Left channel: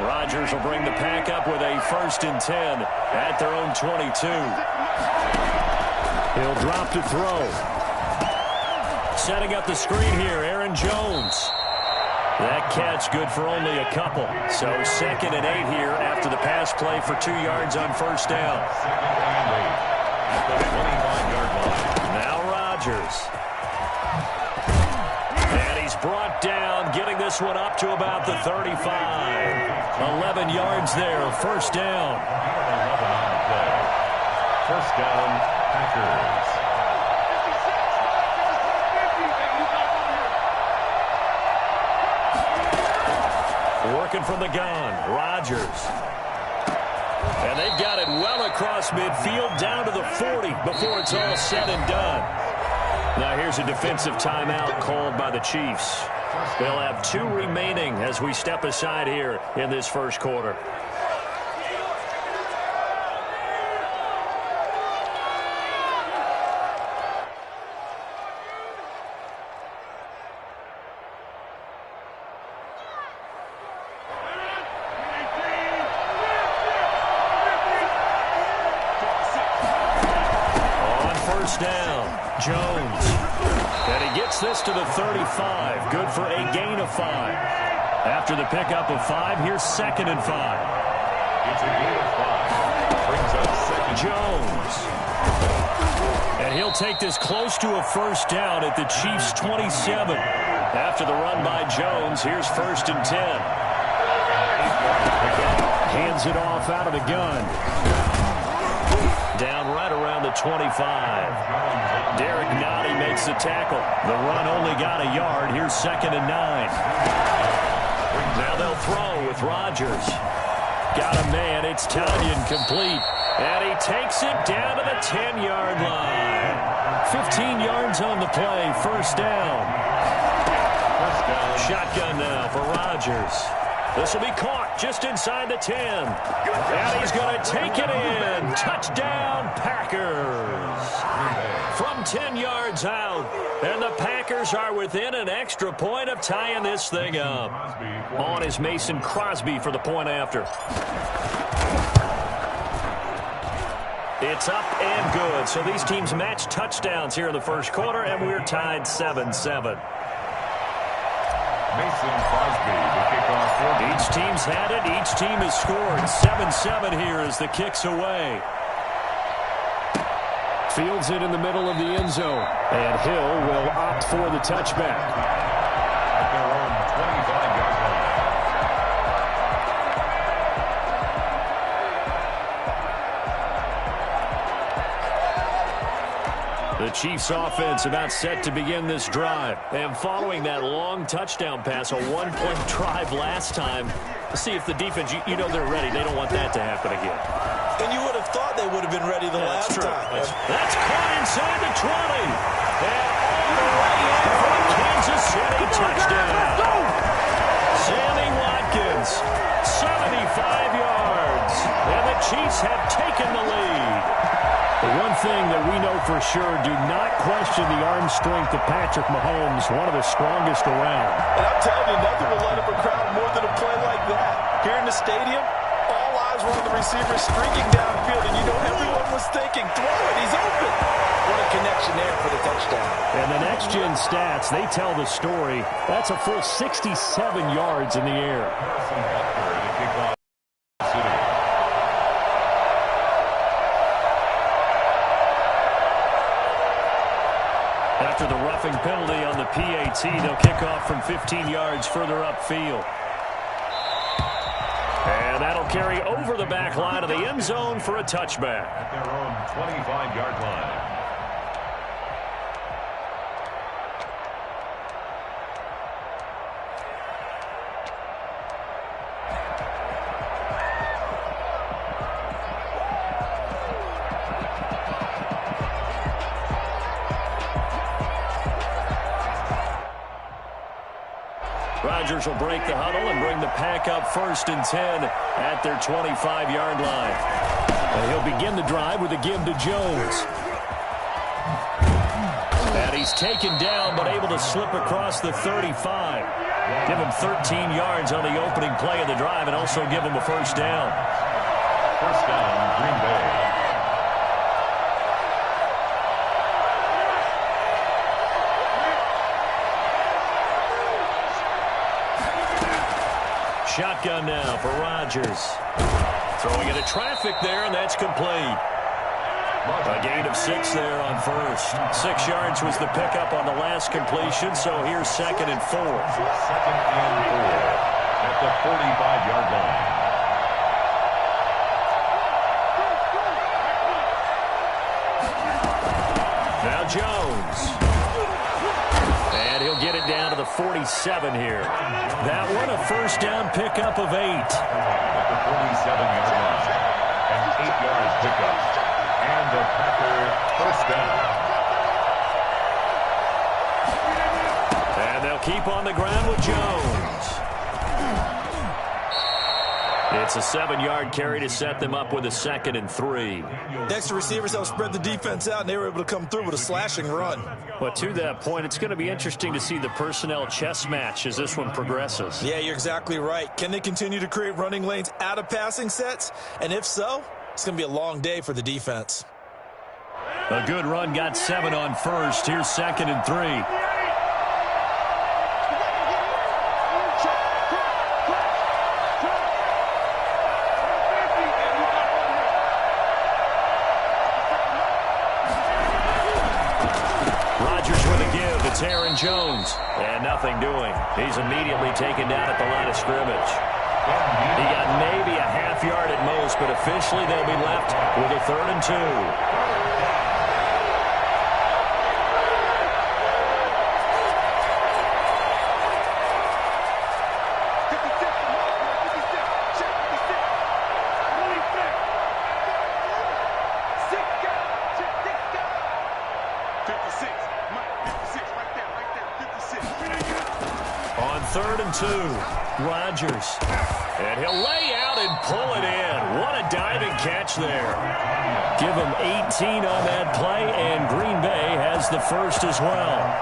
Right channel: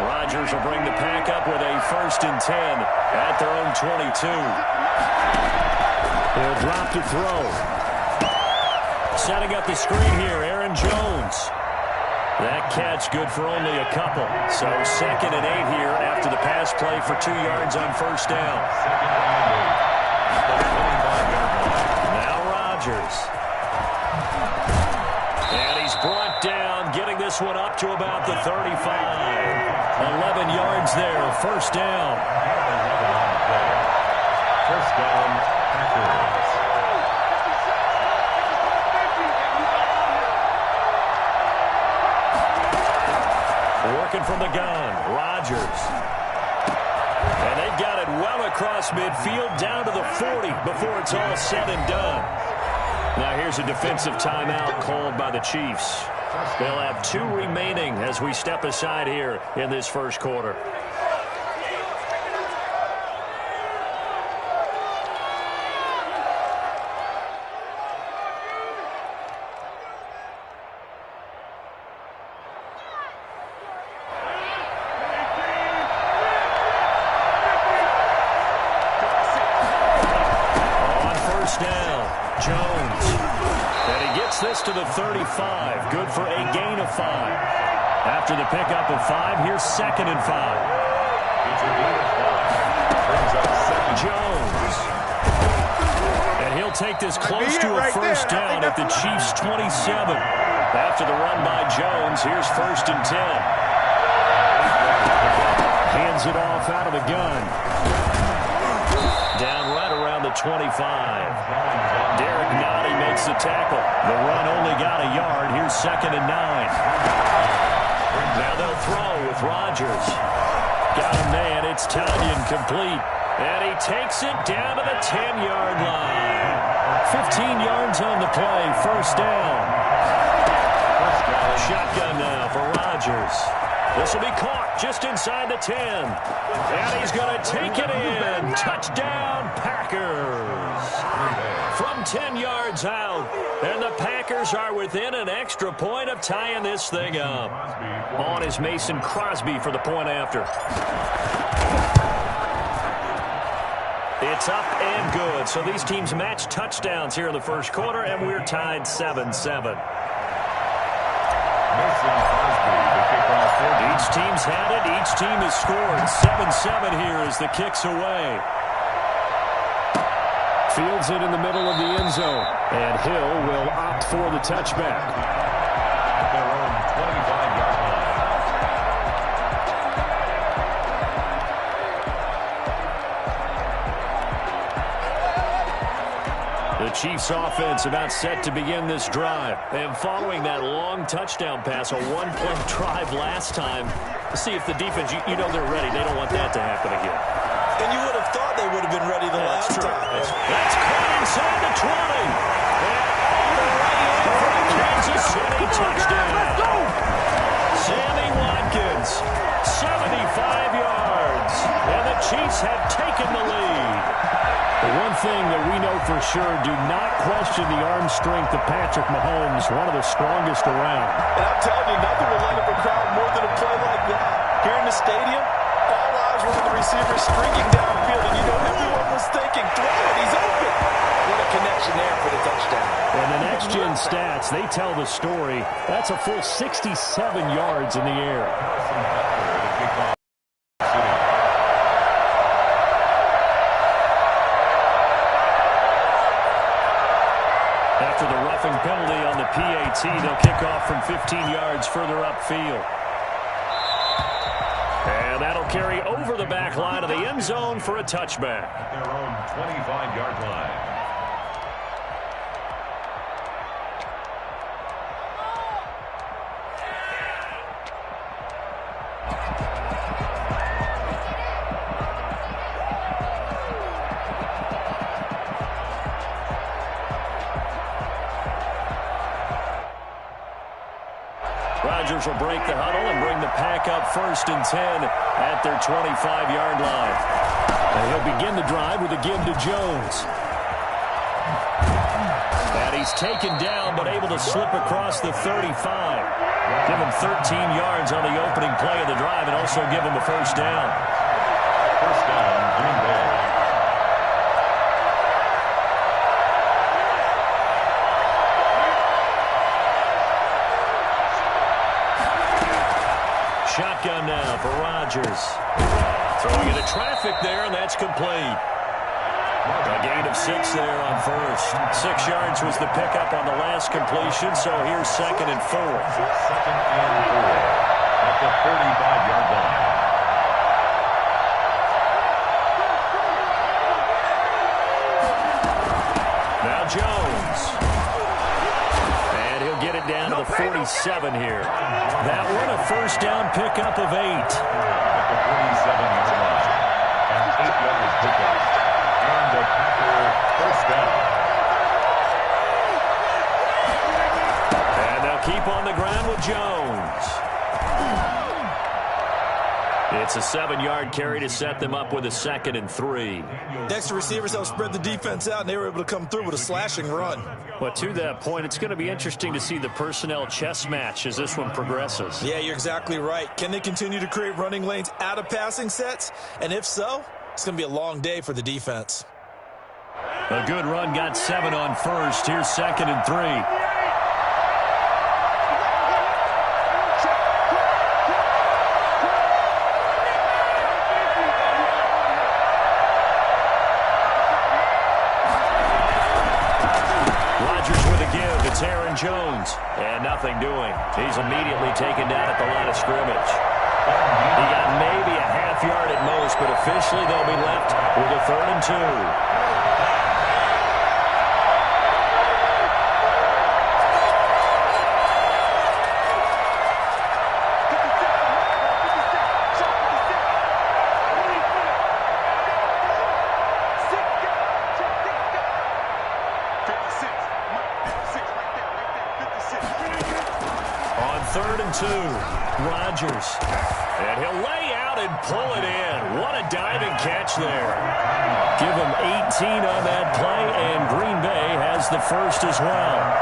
Rodgers will bring the pack up with a 1st and 10 at their own 22. He'll drop to throw. Setting up the screen here, Aaron Jones. That catch good for only a couple. So 2nd and 8 here after the pass play for 2 yards on 1st down. 2nd and 8 at the 25-yard line. Now Rodgers. And he's brought down, getting this one up to about the 35. 11 yards there, 1st down. 11 on the play. 1st down, Packers. Working from the gun, Rodgers. And they've got it well across midfield, down to the 40 before it's all said and done. Now here's a defensive timeout called by the Chiefs. They'll have 2 remaining as we step aside here in this 1st quarter. Jones. And he gets this to the 35. Good for a gain of 5. After the pickup of 5, here's 2nd and 5. It's a gain of 5. Brings up 2nd. Jones. And he'll take this close to a 1st down at the Chiefs' 27. After the run by Jones, here's 1st and 10. Hands it off out of the gun. Down right around the 25. Derek Nottie makes the tackle. The run only got a yard. Here's 2nd and 9. Now they'll throw with Rodgers. Got a man. It's Tonyan complete. And he takes it down to the 10-yard line. 15 yards on the play. 1st down. Shotgun now for Rodgers. This will be caught just inside the 10. And he's going to take it in. Touchdown, Packers. From 10 yards out. And the Packers are within an extra point of tying this thing up. On is Mason Crosby for the point after. It's up and good. So these teams match touchdowns here in the 1st quarter, and we're tied 7-7. Mason Crosby, the kickoff for each team's had it. Each team has scored. 7-7 here as the kick's away. Fields it in the middle of the end zone. And Hill will opt for the touchback. At their own 25-yard line. The Chiefs offense about set to begin this drive. And following that long touchdown pass, a 1-point drive last time, see if the defense, you know they're ready. They don't want that to happen again. And you would have thought they would have been ready the last time. That's caught inside the 20. And all the way in for a Kansas City touchdown. Let's go! Sammy Watkins, 75 yards. And the Chiefs have taken the lead. The one thing that we know for sure, do not question the arm strength of Patrick Mahomes, one of the strongest around. And I'm telling you, nothing will light up a crowd more than a play like that. Here in the stadium, all eyes were on the receiver streaking downfield, and you know everyone was thinking, throw it, he's open. What a connection there for the touchdown. And the next-gen stats, they tell the story. That's a full 67 yards in the air. Carson Butker, the kickoff City. After the roughing penalty on the PAT, they'll kick off from 15 yards further upfield. And that'll carry over the back line of the end zone for a touchback. At their own 25-yard line. Rodgers will break the huddle and bring the pack up 1st and 10 at their 25-yard line. And he'll begin the drive with a give to Jones. And he He's taken down but able to slip across the 35. Give him 13 yards on the opening play of the drive and also give him a first down. First down, Green Bay. Shotgun now for Rodgers. Throwing into traffic there, and that's complete. A gain of 6 there on first. 6 yards was the pickup on the last completion, so here's 2nd and 4. 2nd and 4 at the 45-yard line. Now Jones. And he'll get it down to the 47 here. That one a first down pickup of 8. At the 47-yard line. And 8 yards pickup. And the Packer first down. And they'll keep on the ground with Jones. It's a 7-yard carry to set them up with a 2nd and 3. Extra receivers helped spread the defense out, and they were able to come through with a slashing run. But to that point, it's going to be interesting to see the personnel chess match as this one progresses. Yeah, you're exactly right. Can they continue to create running lanes out of passing sets? And if so, it's going to be a long day for the defense. A good run got 7 on first. Here's 2nd and 3. It's Aaron Jones, and nothing doing. He's immediately taken down at the line of scrimmage. He got maybe a half yard at most, but officially they'll be left with a 3rd and 2. On 3rd and 2, Rodgers. And he'll lay out and pull it in. What a diving catch there. Give him 18 on that play, and Green Bay has the first as well.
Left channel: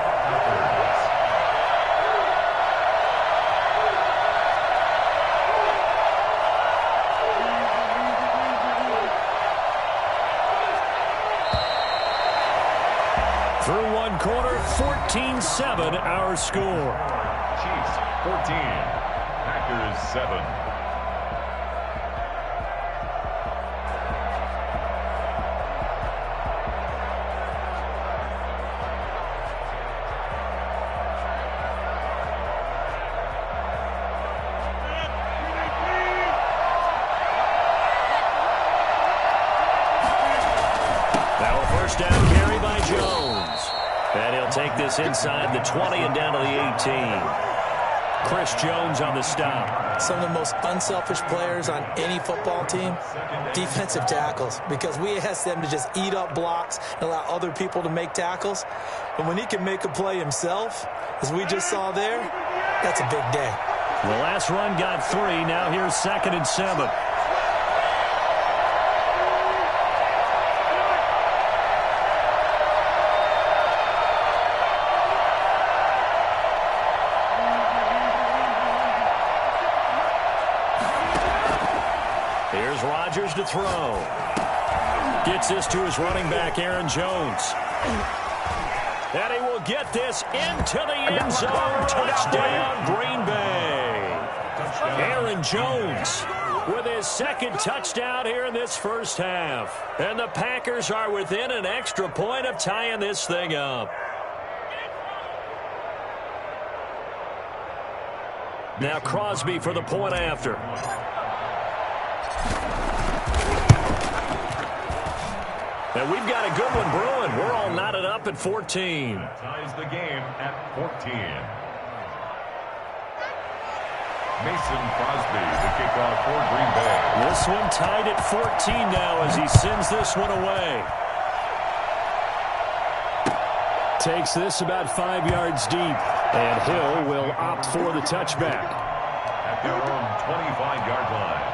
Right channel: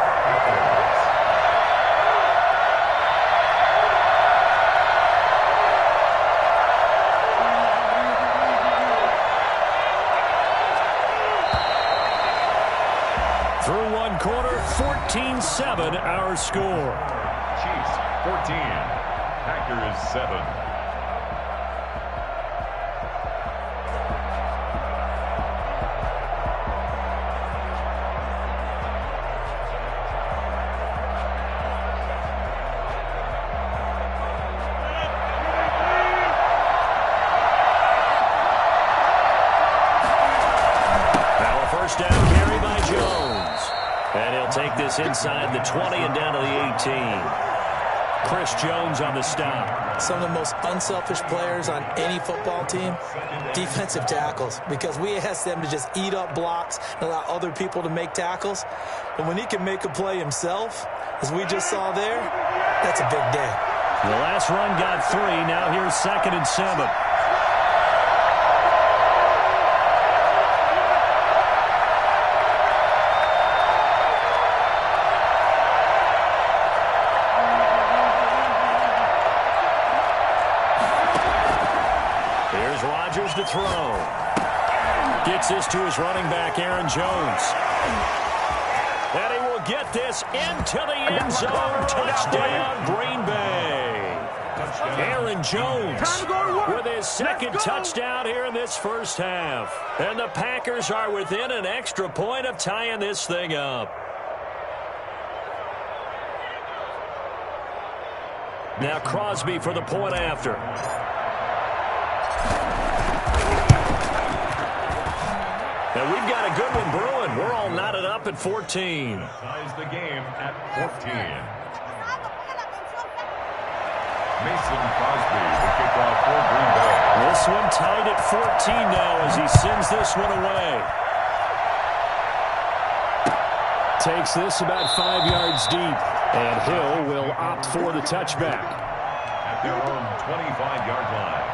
Through one quarter, 14-7 our score. Chiefs 14, Packers 7. Now a first down carry by Jones. And he'll take this inside the 20 and down to the 18. Chris Jones on the stop. Some of the most unselfish players on any football team, defensive tackles, because we ask them to just eat up blocks and allow other people to make tackles. But when he can make a play himself, as we just saw there, that's a big day. The last run got 3. Now here's 2nd and 7. Here's Rodgers to throw. Gets this to his running back, Aaron Jones. And he will get this into the end zone. Touchdown, Green Bay. Aaron Jones with his 2nd touchdown here in this first half. And the Packers are within an extra point of tying this thing up. Now Crosby for the point after. And we've got a good one brewing. We're all knotted up at 14. Ties the game at 14. Mason Crosby, the kickoff for Green Bay. This one tied at 14 now as he sends this one away. Takes this about 5 yards deep. And Hill will opt for the touchback. At their own 25-yard line.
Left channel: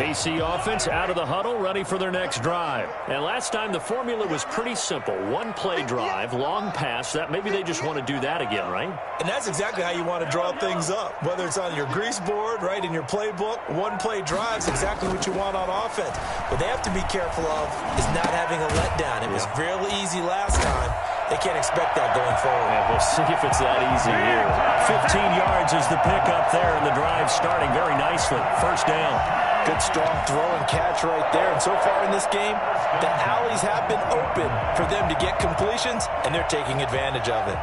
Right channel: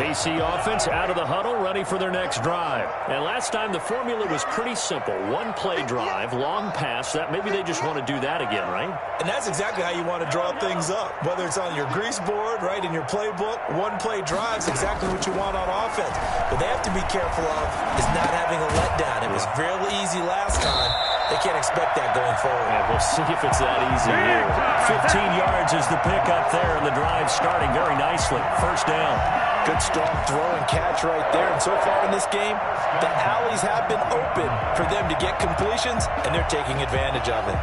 KC offense out of the huddle, ready for their next drive. And last time, the formula was pretty simple. One-play drive, long pass. That maybe they just want to do that again, right? And that's exactly how you want to draw things up. Whether it's on your grease board, right, in your playbook, one-play drive is exactly what you want on offense. What they have to be careful of is not having a letdown. It was fairly easy last time. They can't expect that going forward. Yeah, we'll see if it's that easy here. 15 yards is the pickup there, and the drive starting very nicely. First down. Good, strong throw and catch right there. And so far in this game, the alleys have been open for them to get completions, and they're taking advantage of it.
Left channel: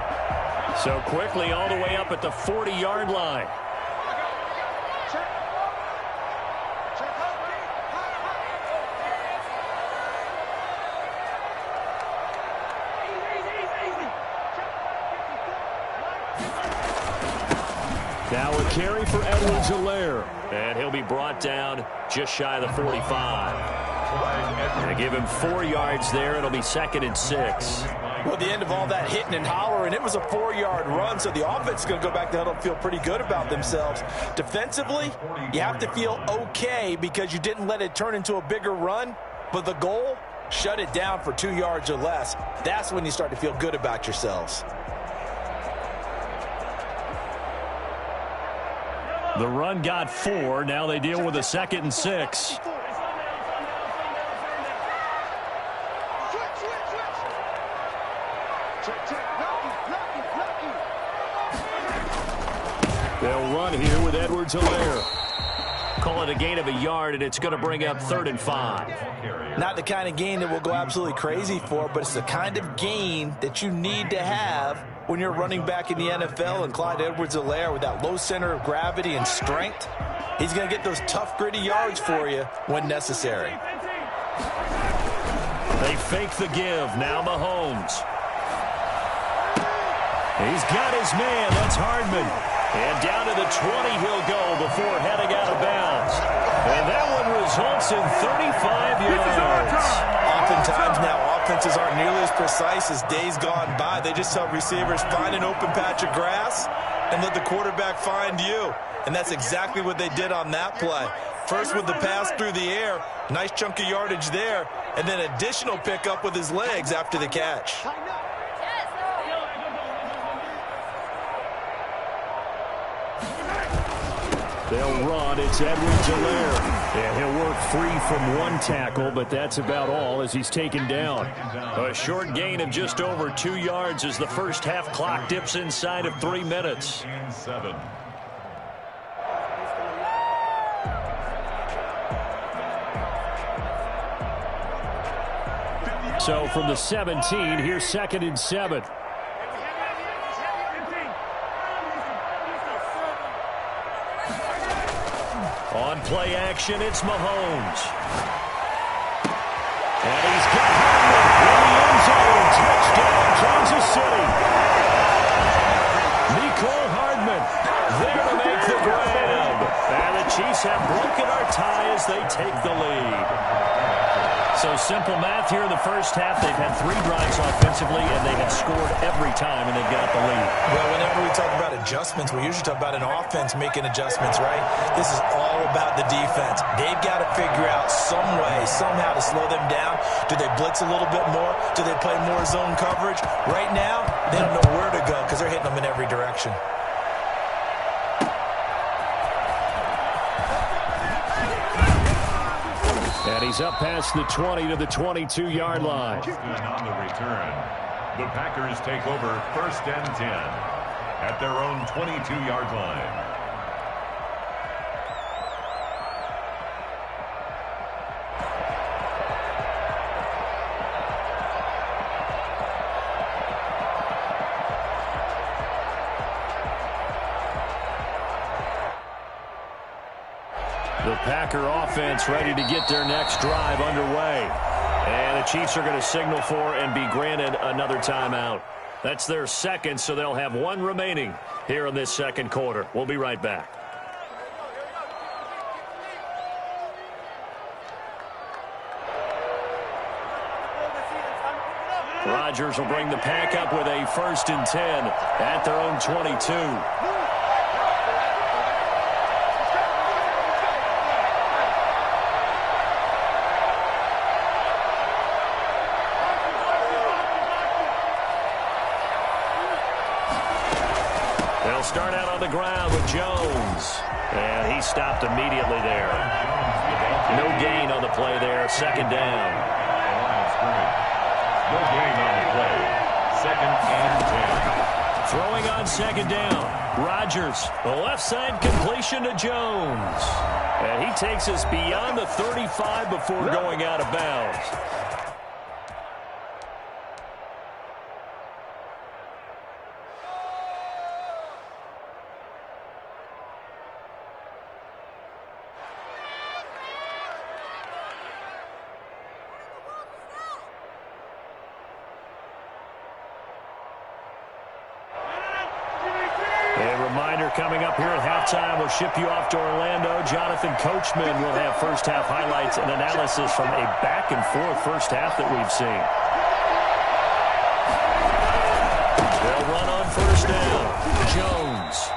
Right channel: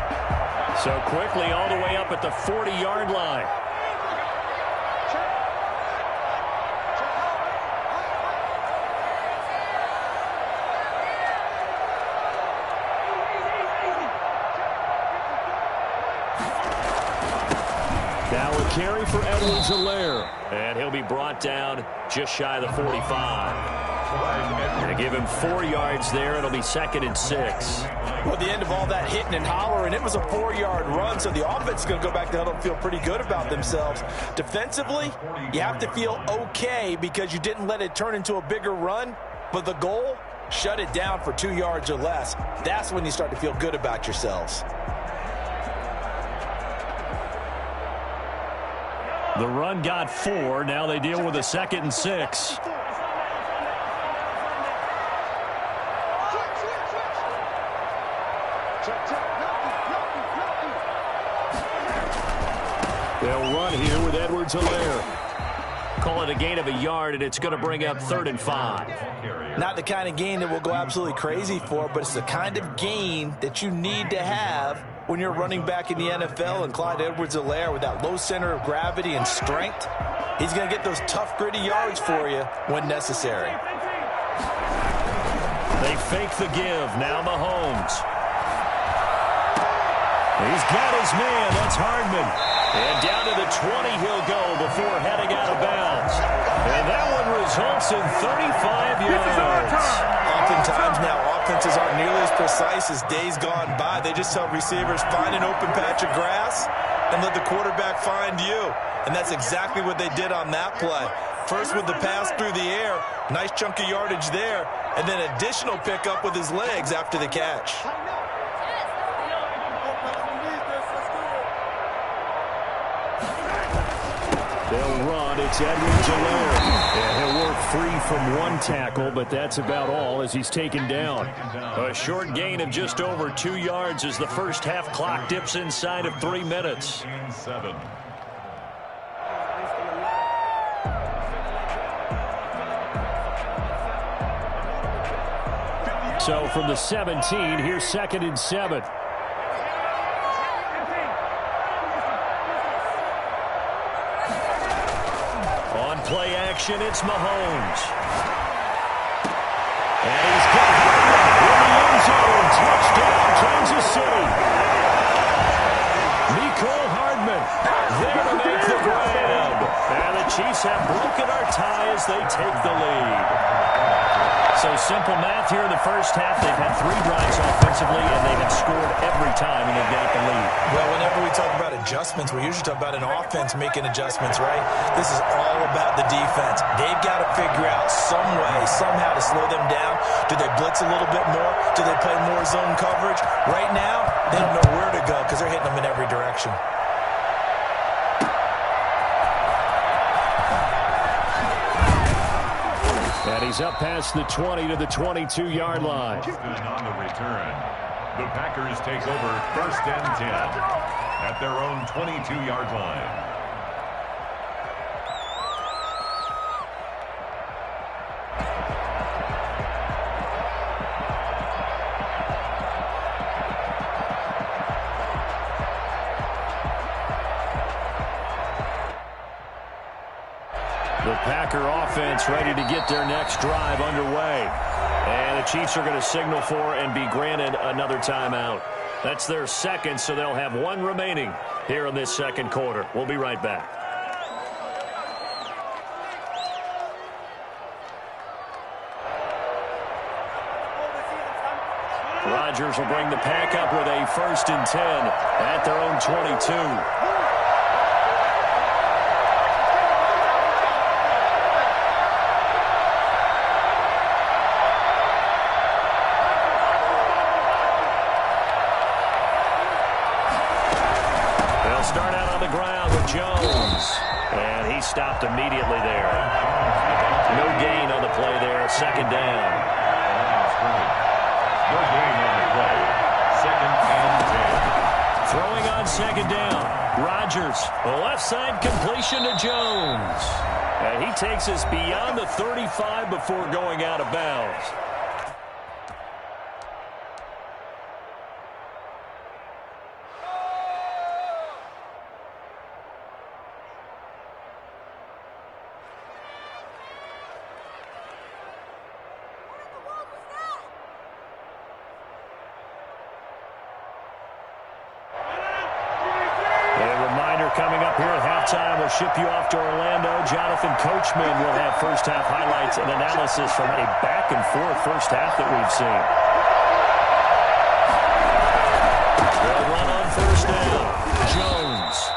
So quickly all the way up at the 40-yard line. Now a carry for Edwards-Helaire. And he'll be brought down just shy of the 45. They give him 4 yards there. It'll be 2nd and 6. Well, at the end of all that hitting and hollering, it was a 4-yard run, so the offense is going to go back to huddle and feel pretty good about themselves. Defensively, you have to feel okay because you didn't let it turn into a bigger run, but the goal, shut it down for 2 yards or less. That's when you start to feel good about yourselves. The run got 4. Now they deal with a 2nd and 6. They'll run here with Edwards-Helaire. Call it a gain of a yard, and it's going to bring up 3rd and 5. Not the kind of gain that we'll go absolutely crazy for, but it's the kind of gain that you need to have when you're running back in the NFL. And Clyde Edwards-Helaire, with that low center of gravity and strength, he's going to get those tough, gritty yards for you when necessary. They fake the give. Now Mahomes. He's got his man. That's Hardman. And down to the 20 he'll go before heading out of bounds. And that one results in 35 yards. Oftentimes now, offenses aren't nearly as precise as days gone by. They just tell receivers, find an open patch of grass and let the quarterback find you. And that's exactly what they did on that play. First with the pass through the air, nice chunk of yardage there, and then additional pickup with his legs after the catch. They'll run. It's Edwards-Helaire. And he'll work free from one tackle, but that's about all as he's taken down. A short gain of just over 2 yards as the first half clock dips inside of 3 minutes. 7. So from the 17, here's 2nd and 7. On play action, it's Mahomes. And he's got Hardman in the end zone. Touchdown, Kansas City. Mecole Hardman there to make the grab. And the Chiefs have broken our tie as they take the lead. So simple math here in the first half. They've had 3 drives offensively, and they have scored every time, and they've got the lead. Well, whenever we talk about adjustments, we usually talk about an offense making adjustments, right? This is all about the defense. They've got to figure out some way, somehow to slow them down. Do they blitz a little bit more? Do they play more zone coverage? Right now, they don't know where to go because they're hitting them in every direction. And he's up past the 20 to the 22-yard line. On the return, the Packers take over 1st and 10 at their own 22-yard line. The Packer offense ready to get their next drive underway. And the Chiefs are going to signal for and be granted another timeout. That's their 2nd, so they'll have 1 remaining here in this 2nd quarter. We'll be right back. Rodgers will bring the pack up with a 1st and 10 at their own 22. They'll start out on the ground with Jones. And he stopped immediately there. No gain on the play there. Second down. No gain on the play. Second and 10. Throwing on second down. Rodgers. The left side completion to Jones. And he takes us beyond the 35 before going out of bounds. Coming up here at halftime, we'll ship you off to Orlando. Jonathan Coachman will have first-half highlights and analysis from a back-and-forth first half that we've seen. They'll run on first down. Jones.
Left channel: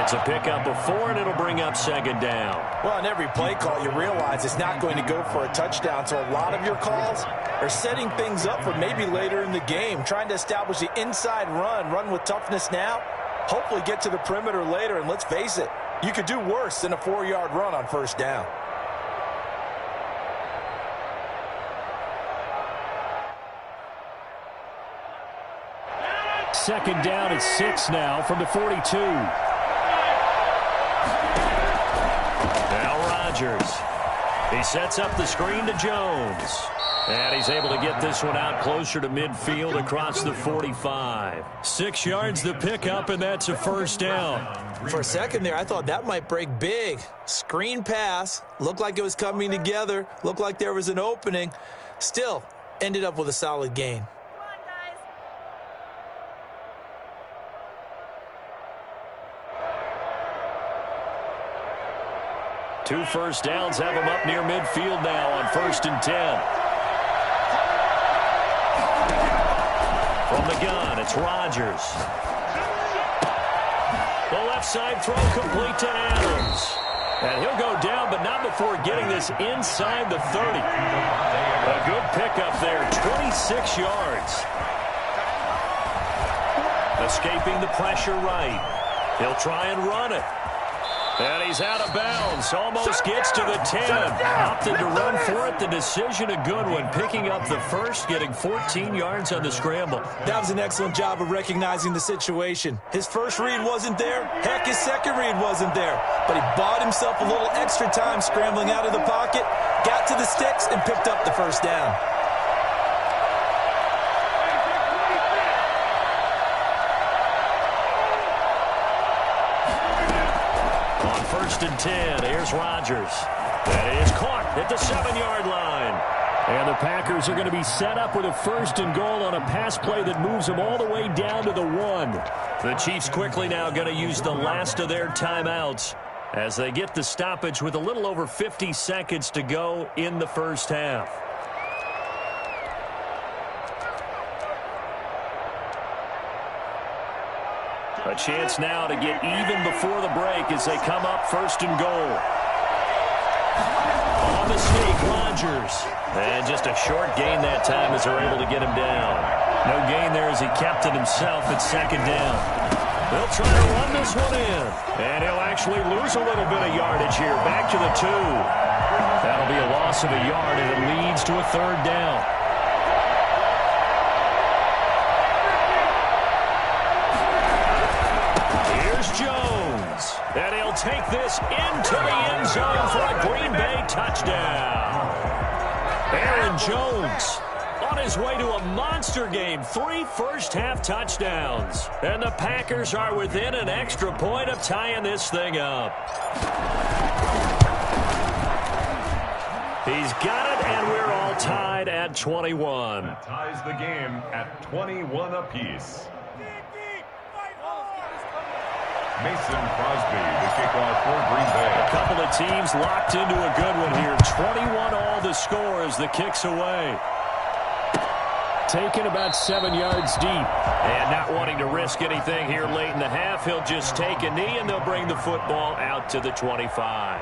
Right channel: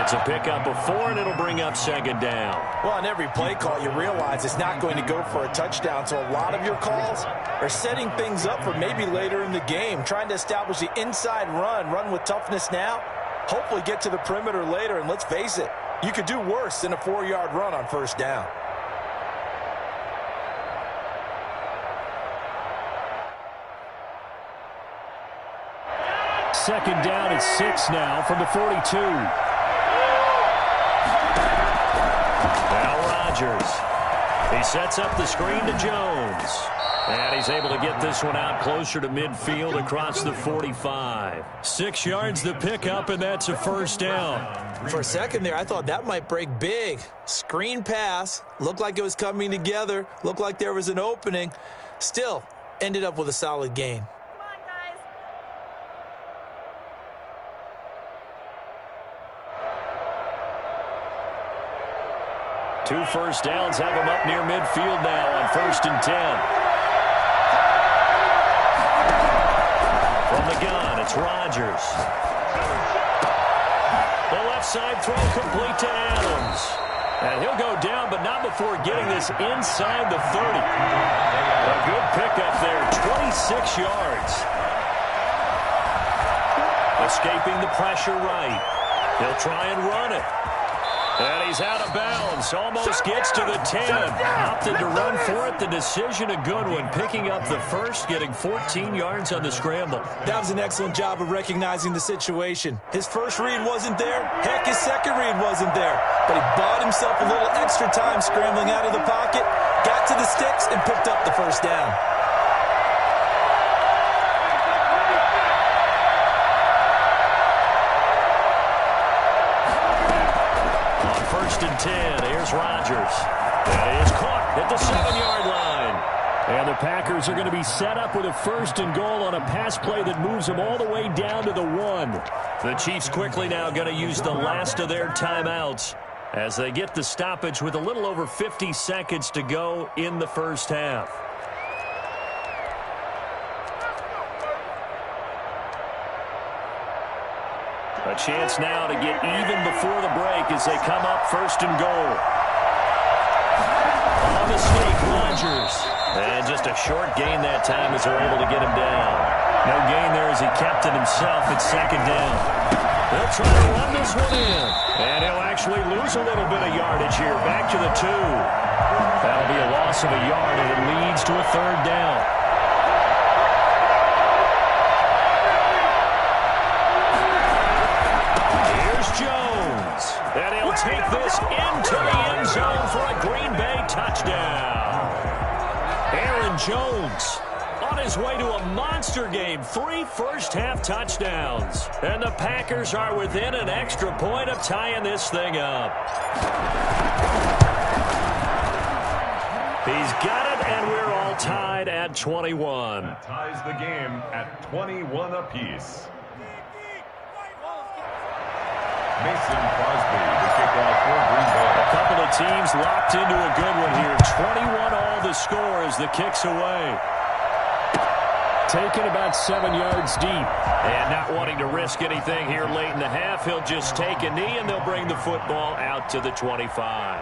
It's a pickup of 4, and it'll bring up second down. Well, on every play call, you realize it's not going to go for a touchdown, so a lot of your calls are setting things up for maybe later in the game, trying to establish the inside run with toughness now. Hopefully get to the perimeter later, and let's face it, you could do worse than a 4-yard run on first down. Second down at 6 now from the 42. Now Rodgers. He sets up the screen to Jones. And he's able to get this one out closer to midfield across the 45. 6 yards the pickup, and that's a first down. For a second there, I thought that might break big. Screen pass. Looked like it was coming together. Looked like there was an opening. Still, ended up with a solid gain. Come on, guys. 2 first downs have him up near midfield now on 1st and 10. From the gun, it's Rodgers. The left side throw complete to Adams. And he'll go down, but not before getting this inside the 30. A good pickup there, 26 yards. Escaping the pressure right. He'll try and run it. And he's out of bounds. Almost gets to the 10. Opted to run for it. The decision a good one. Picking up the first, getting 14 yards on the scramble. That was an excellent job of recognizing the situation. His first read wasn't there. Heck, his second read wasn't there. But he bought himself a little extra time scrambling out of the pocket, got to the sticks, and picked up the first down. First and 10. Here's Rodgers. That is caught at the 7-yard line. And the Packers are going to be set up with a 1st and goal on a pass play that moves them all the way down to the 1. The Chiefs quickly now going to use the last of their timeouts as they get the stoppage with a little over 50 seconds to go in the first half. A chance now to get even before the break as they come up 1st and goal. On the sneak, Rodgers. And just a short gain that time as they're able to get him down. No gain there as he kept it himself at 2nd down. They'll try to run this one in. And he'll actually lose a little bit of yardage here. Back to the 2. That'll be a loss of a yard, and it leads to a 3rd down. Jones, and he'll take this into the end zone for a Green Bay touchdown. Aaron Jones on his way to a monster game, 3 first-half touchdowns. And the Packers are within an extra point of tying this thing up. He's got it, and we're all tied at 21. That ties the game at 21 apiece. Mason Crosby, the kickoff for Green Bay. A couple of teams locked into a good one here. 21 all the score as the kick's away. Taken about 7 yards deep. And not wanting to risk anything here late in the half, he'll just take a knee, and they'll bring the football out to the 25.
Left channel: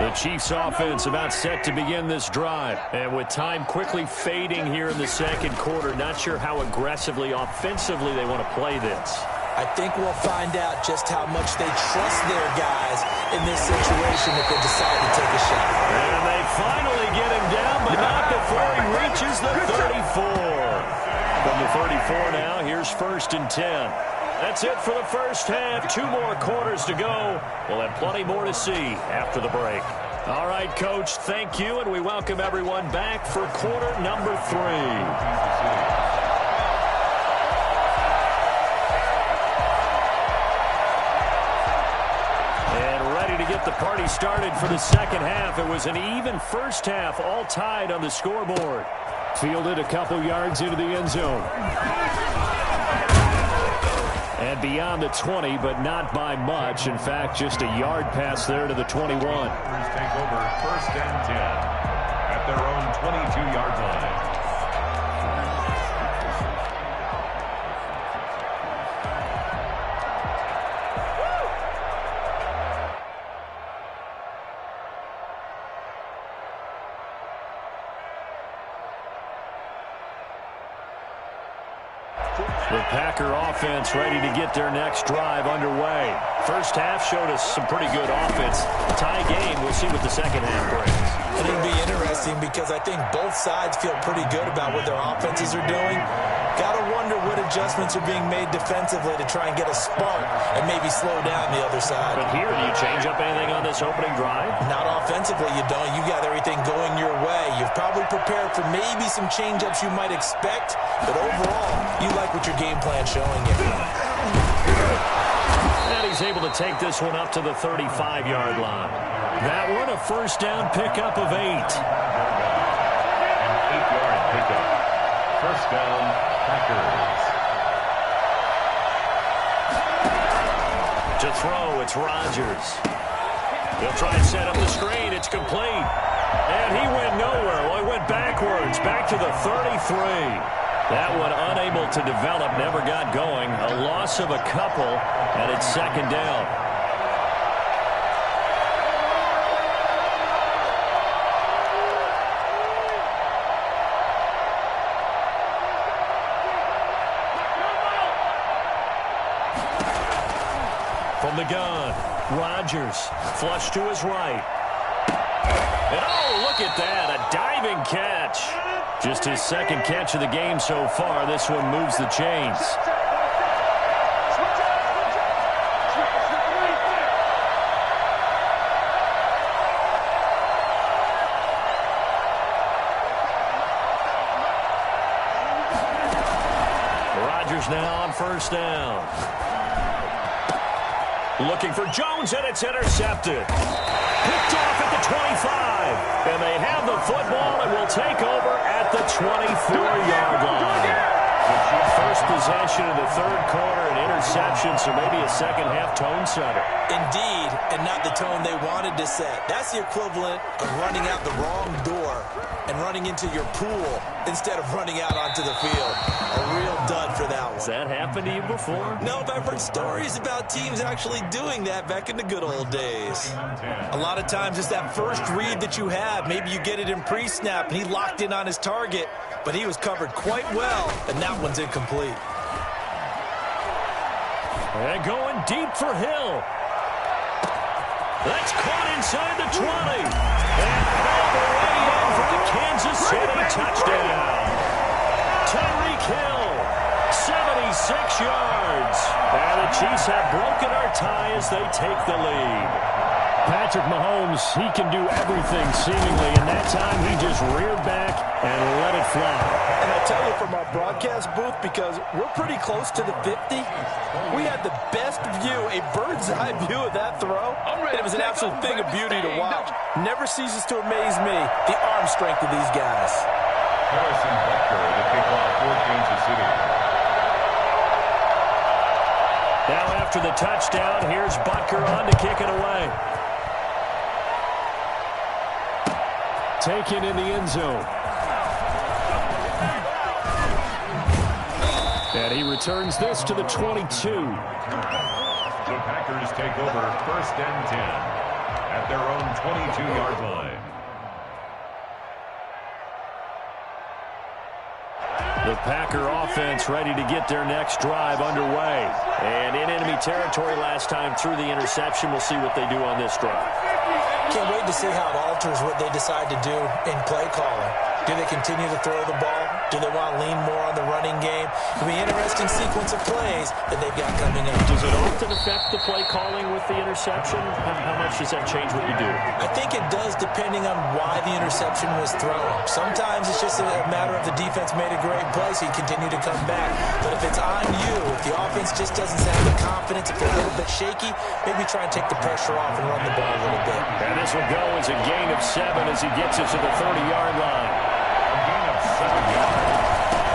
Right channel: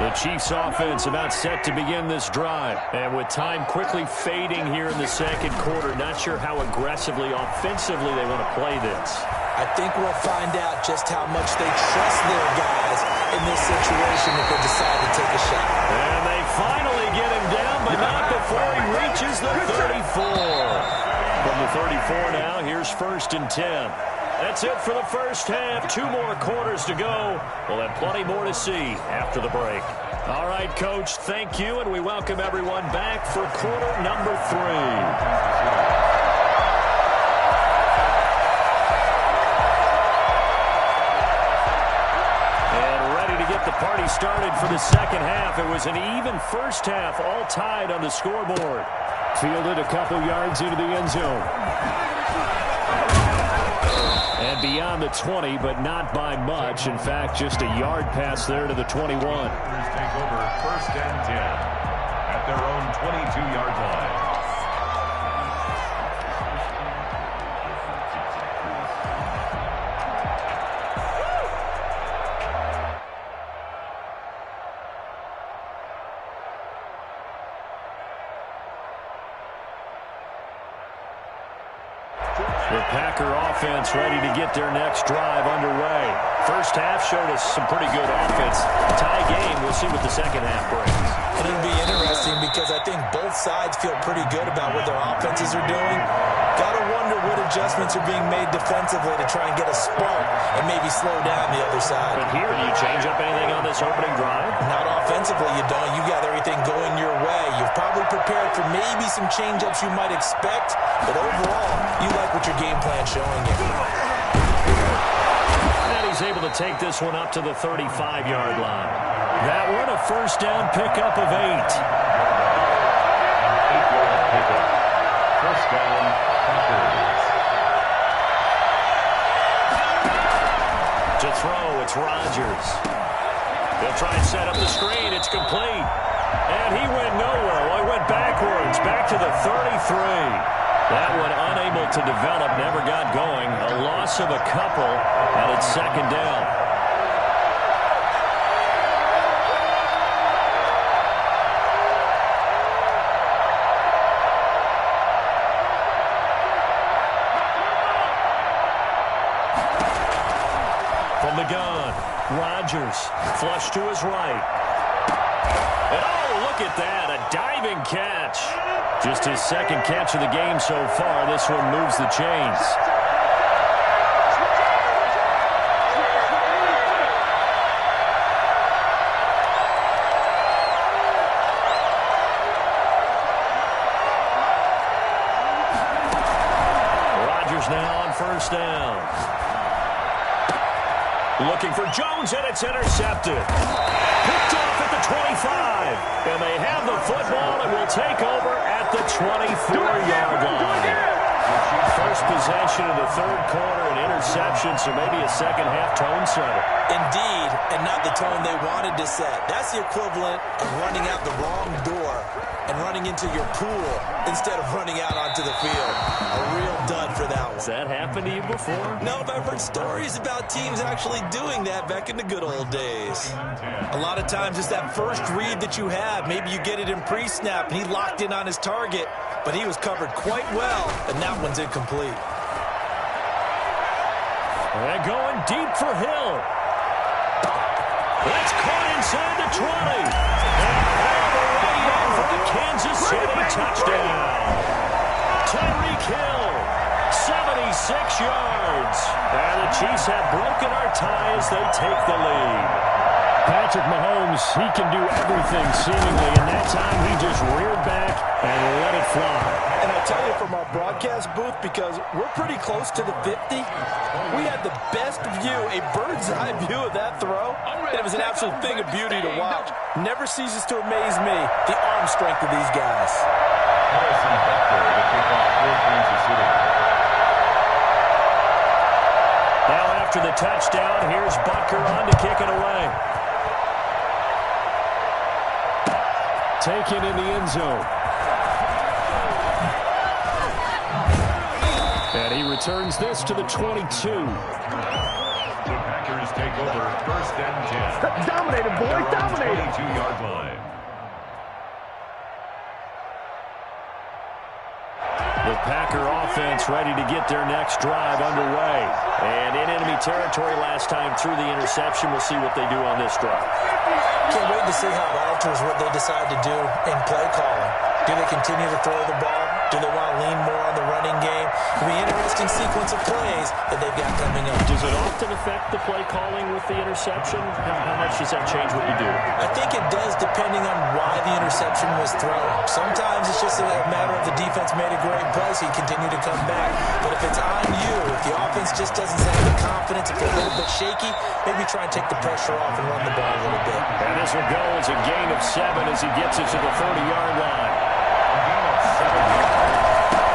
The Chiefs offense about set to begin this drive. And with time quickly fading here in the second quarter, not sure how aggressively, offensively they want to play this. I think we'll find out just how much they trust their guys in this situation if they decide to take a shot. And they finally get him down, but not before he reaches the 34. From the 34 now, here's 1st and 10. That's it for the first half. 2 more quarters to go. We'll have plenty more to see after the break. All right, Coach, thank you, and we welcome everyone back for quarter number 3. To get the party started for the second half. It was an even first half, all tied on the scoreboard. Fielded a couple yards into the end zone. And beyond the 20, but not by much. In fact, just a yard pass there to the 21. Take over 1st and 10 at their own 22-yard line. The Packer offense ready to get their next drive underway. First half showed us some pretty good offense. Tie game, we'll see what the second half brings. And it'll be interesting because I think both sides feel pretty good about what their offenses are doing. Got to wonder what adjustments are being made defensively to try and get a spark and maybe slow down the other side. But here, do you change up anything on this opening drive? Not offensively, you don't. You got everything going your way. You've probably prepared for maybe some change-ups you might expect, but overall, you like what your game plan showing you. And he's able to take this one up to the 35-yard line. That one, a first down pickup of 8. An 8-yard pickup. First down, Packers. To throw, it's Rodgers. They'll try and set up the screen. It's complete. And he went nowhere. Well, he went backwards, back to the 33. That one unable to develop, never got going. A loss of a couple, and it's second down. From the gun, Rodgers, flush to his right. And oh, look at that, a diving catch. Just his second catch of the game so far. This one moves the chains. Rodgers now on first down. Looking for Jones, and it's intercepted. Picked off at the 25. And they have the football and will take over at the 24-yard line. First possession of the third quarter, an interception, so maybe a second-half tone setter. Indeed, and not the tone they wanted to set. That's the equivalent of running out the wrong door and running into your pool instead of running out onto the field. A real dud for that one. Has that happened to you before? No, but I've heard stories about teams actually doing that back in the good old days. A lot of times it's that first read that you have. Maybe you get it in pre-snap, and he locked in on his target, but he was covered quite well, and that one's incomplete. And going deep for Hill. That's caught inside the 20. And all the way in for a Kansas City touchdown. Tyreek Hill, 76 yards. And the Chiefs have broken our tie as they take the lead. Patrick Mahomes, he can do everything seemingly, and that time he just reared back and let it fly. And I tell you, from our broadcast booth, because we're pretty close to the 50, we had the best view, a bird's-eye view of that throw. And it was an absolute thing of beauty to watch. Never ceases to amaze me, the arm strength of these guys. Harrison Butker to kick off for Kansas City. Now after the touchdown, here's Butker on to kick it away. Taken in the end zone. And he returns this to the 22. The Packers take over 1st and 10 at their own 22-yard line. The Packer offense ready to get their next drive underway. And in enemy territory last time through the interception. We'll see what they do on this drive. Can't wait to see how it alters what they decide to do in play calling. Do they continue to throw the ball? Do they want to lean more on the running game? It'll be an interesting sequence of plays that they've got coming up. Does it often affect the play calling with the interception? How much does that change what you do? I think it does depending on why the interception was thrown. Sometimes it's just a matter of the defense made a great play, so you continue to come back. But if it's on you, if the offense just doesn't have the confidence, if they're a little bit shaky, maybe try and take the pressure off and run the ball a little bit. And this will go as a gain of 7 as he gets it to the 30-yard line. A gain of 7 yards.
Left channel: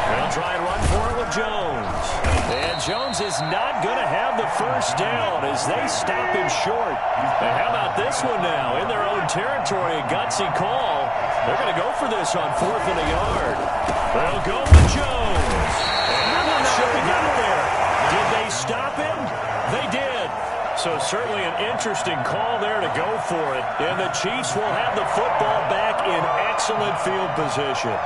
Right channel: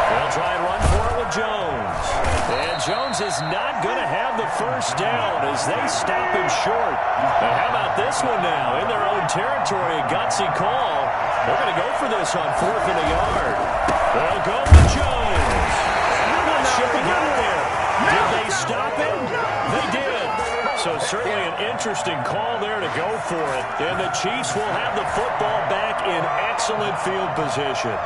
They'll try and run for it with Jones. And Jones is not going to have the first down as they stop him short. And how about this one now? In their own territory, a gutsy call. They're going to go for this on 4th and a yard. They'll go with Jones. And I'm not sure he got there. Did they stop him? They did. So certainly an interesting call there to go for it. And the Chiefs will have the football back in excellent field position.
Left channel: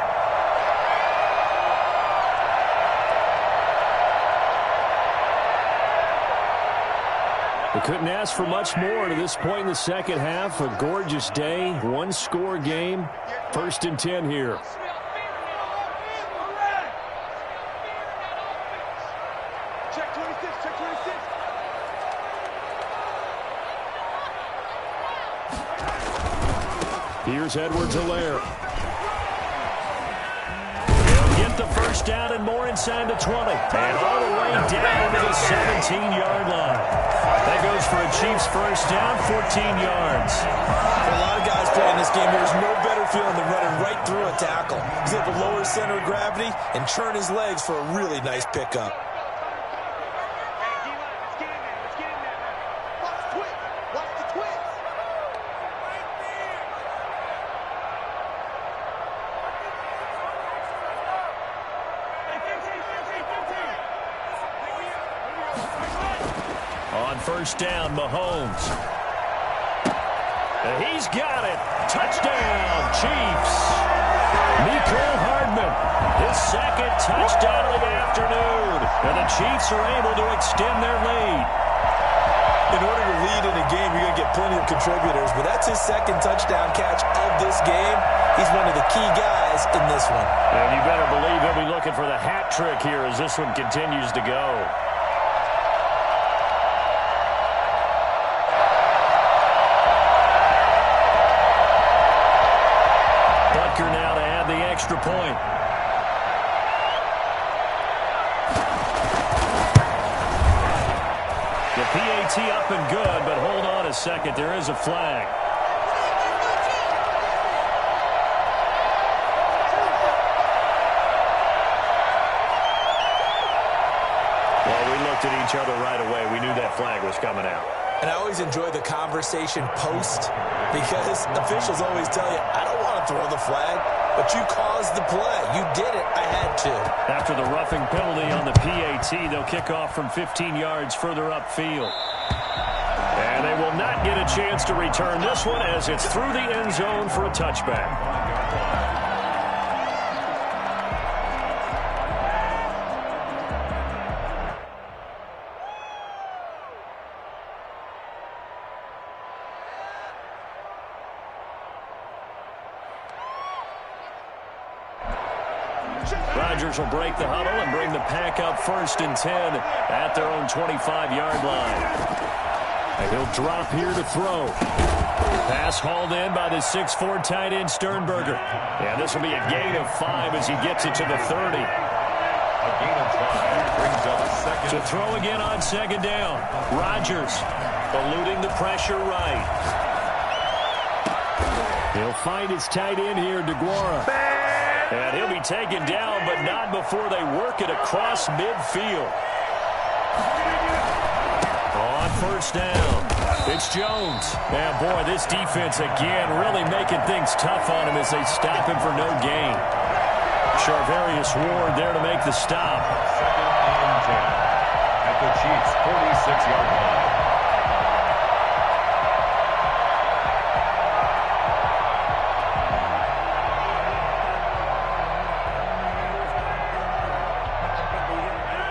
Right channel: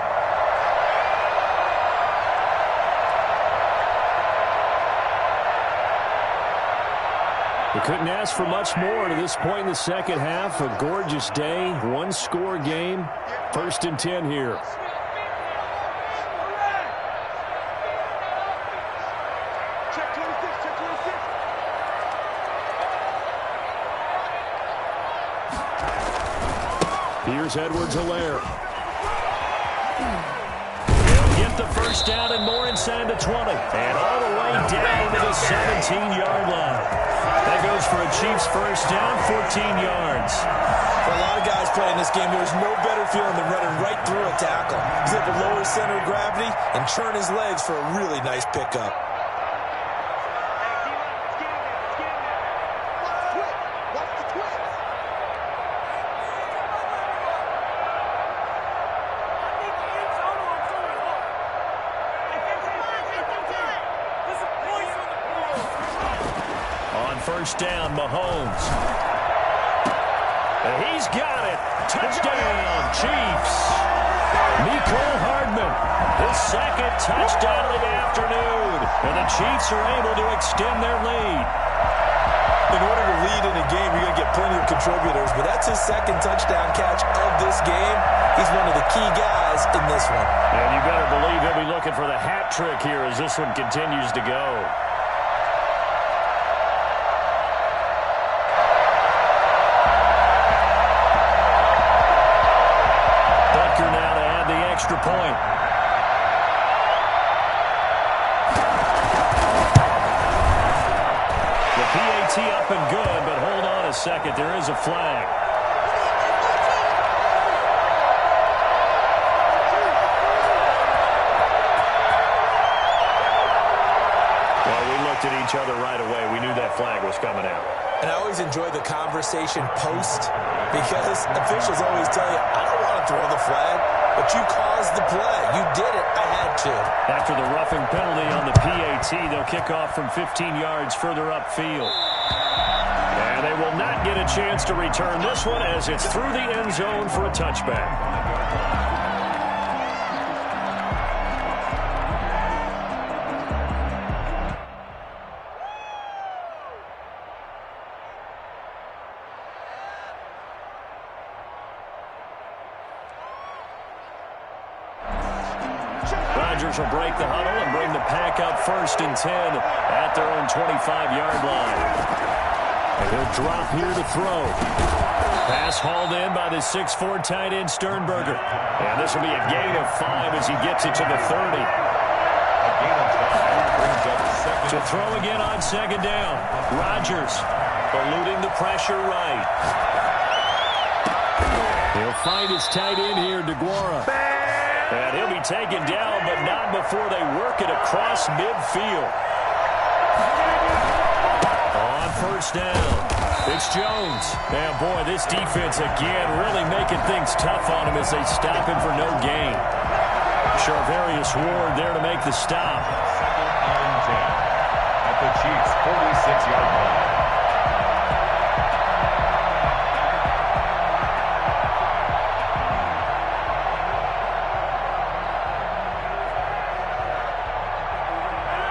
We couldn't ask for much more to this point in the second half. A gorgeous day, one-score game. 1st and 10 here. Check 26, check 26. Here's Edwards-Helaire. He'll get the first down and more inside the 20. And all the way down to the 17-yard line. That goes for a Chiefs first down, 14 yards. For a lot of guys playing this game, there's no better feeling than running right through a tackle. He's able to lower his center of gravity and churn his legs for a really nice pickup. Hey, D-line, let's get in there, let's get in there. Watch the twist, watch the twist. On first down, Mahomes. And he's got it. Touchdown, Chiefs. Mecole Hardman, his second touchdown of the afternoon. And the Chiefs are able to extend their lead. In order to lead in a game, you're going to get plenty of contributors, but that's his second touchdown catch of this game. He's one of the key guys in this one. And you better believe he'll be looking for the hat trick here as this one continues to go. Butker now to add the extra point. The PAT up and good, but hold on a second. There is a flag. Well, we looked at each other right away. We knew that flag was coming out. And I always enjoy the conversation post because officials always tell you, I don't want to throw the flag, but you caused the play. You did it. I had to. After the roughing penalty on the PAT, they'll kick off from 15 yards further upfield. And they will not get a chance to return this one as it's through the end zone for a touchback. Rodgers will break the huddle and bring the pack up 1st and 10 at their own 25-yard line. And he'll drop here to throw. Pass hauled in by the 6'4" tight end Sternberger. And this will be a gain of 5 as he gets it to the 30. A gain of 5 brings up second. To throw again on second down. Rodgers eluding the pressure right. He'll find his tight end here, DeGuara. And he'll be taken down, but not before they work it across midfield. On first down, it's Jones. And, boy, this defense again really making things tough on him as they stop him for no gain. Charvarius Ward there to make the stop. 2nd and 10 at at the Chiefs' 46-yard line.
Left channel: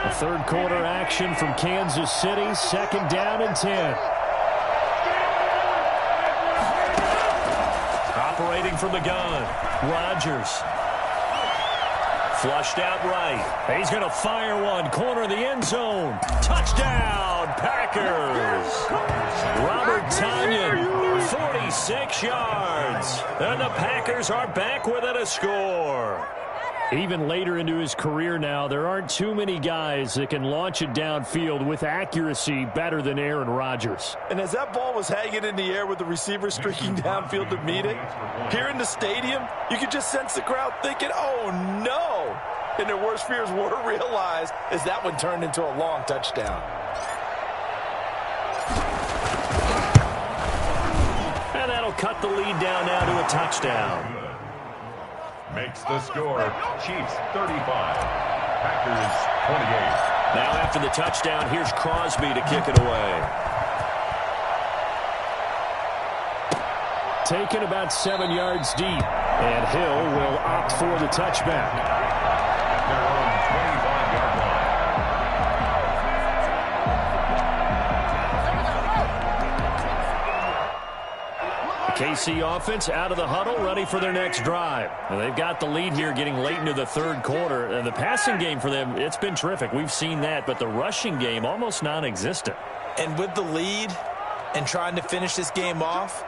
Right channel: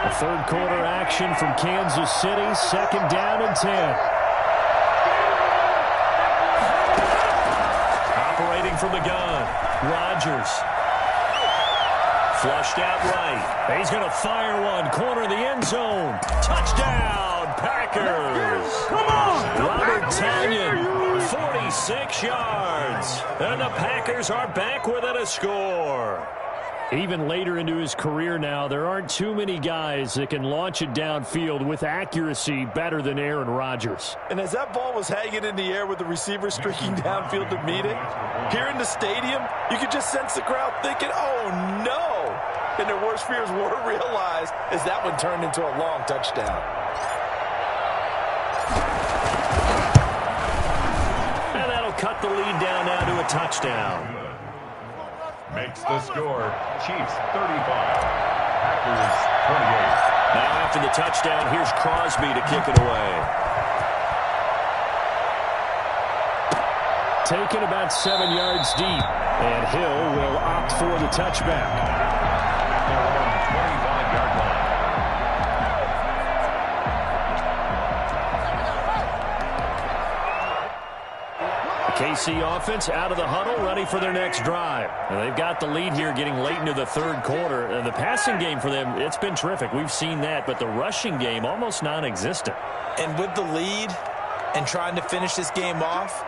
A third quarter action from Kansas City. 2nd down and 10. Operating from the gun, Rodgers. Flushed out right. He's going to fire one. Corner of the end zone. Touchdown, Packers. Robert Tonyan, 46 yards. And the Packers are back within a score. Even later into his career now, there aren't too many guys that can launch it downfield with accuracy better than Aaron Rodgers. And as that ball was hanging in the air with the receiver streaking downfield to meet it, here in the stadium, you could just sense the crowd thinking, oh, no. And their worst fears were realized as that one turned into a long touchdown. And that'll cut the lead down now to a touchdown. Makes the score, Chiefs 35, Packers 28. Now after the touchdown, here's Crosby to kick it away. Taken about 7 yards deep, and Hill will opt for the touchback. At their own 25-yard line. KC offense out of the huddle, ready for their next drive. And they've got the lead here getting late into the third quarter. And the passing game for them, it's been terrific. We've seen that, but the rushing game almost non-existent. And with the lead and trying to finish this game off,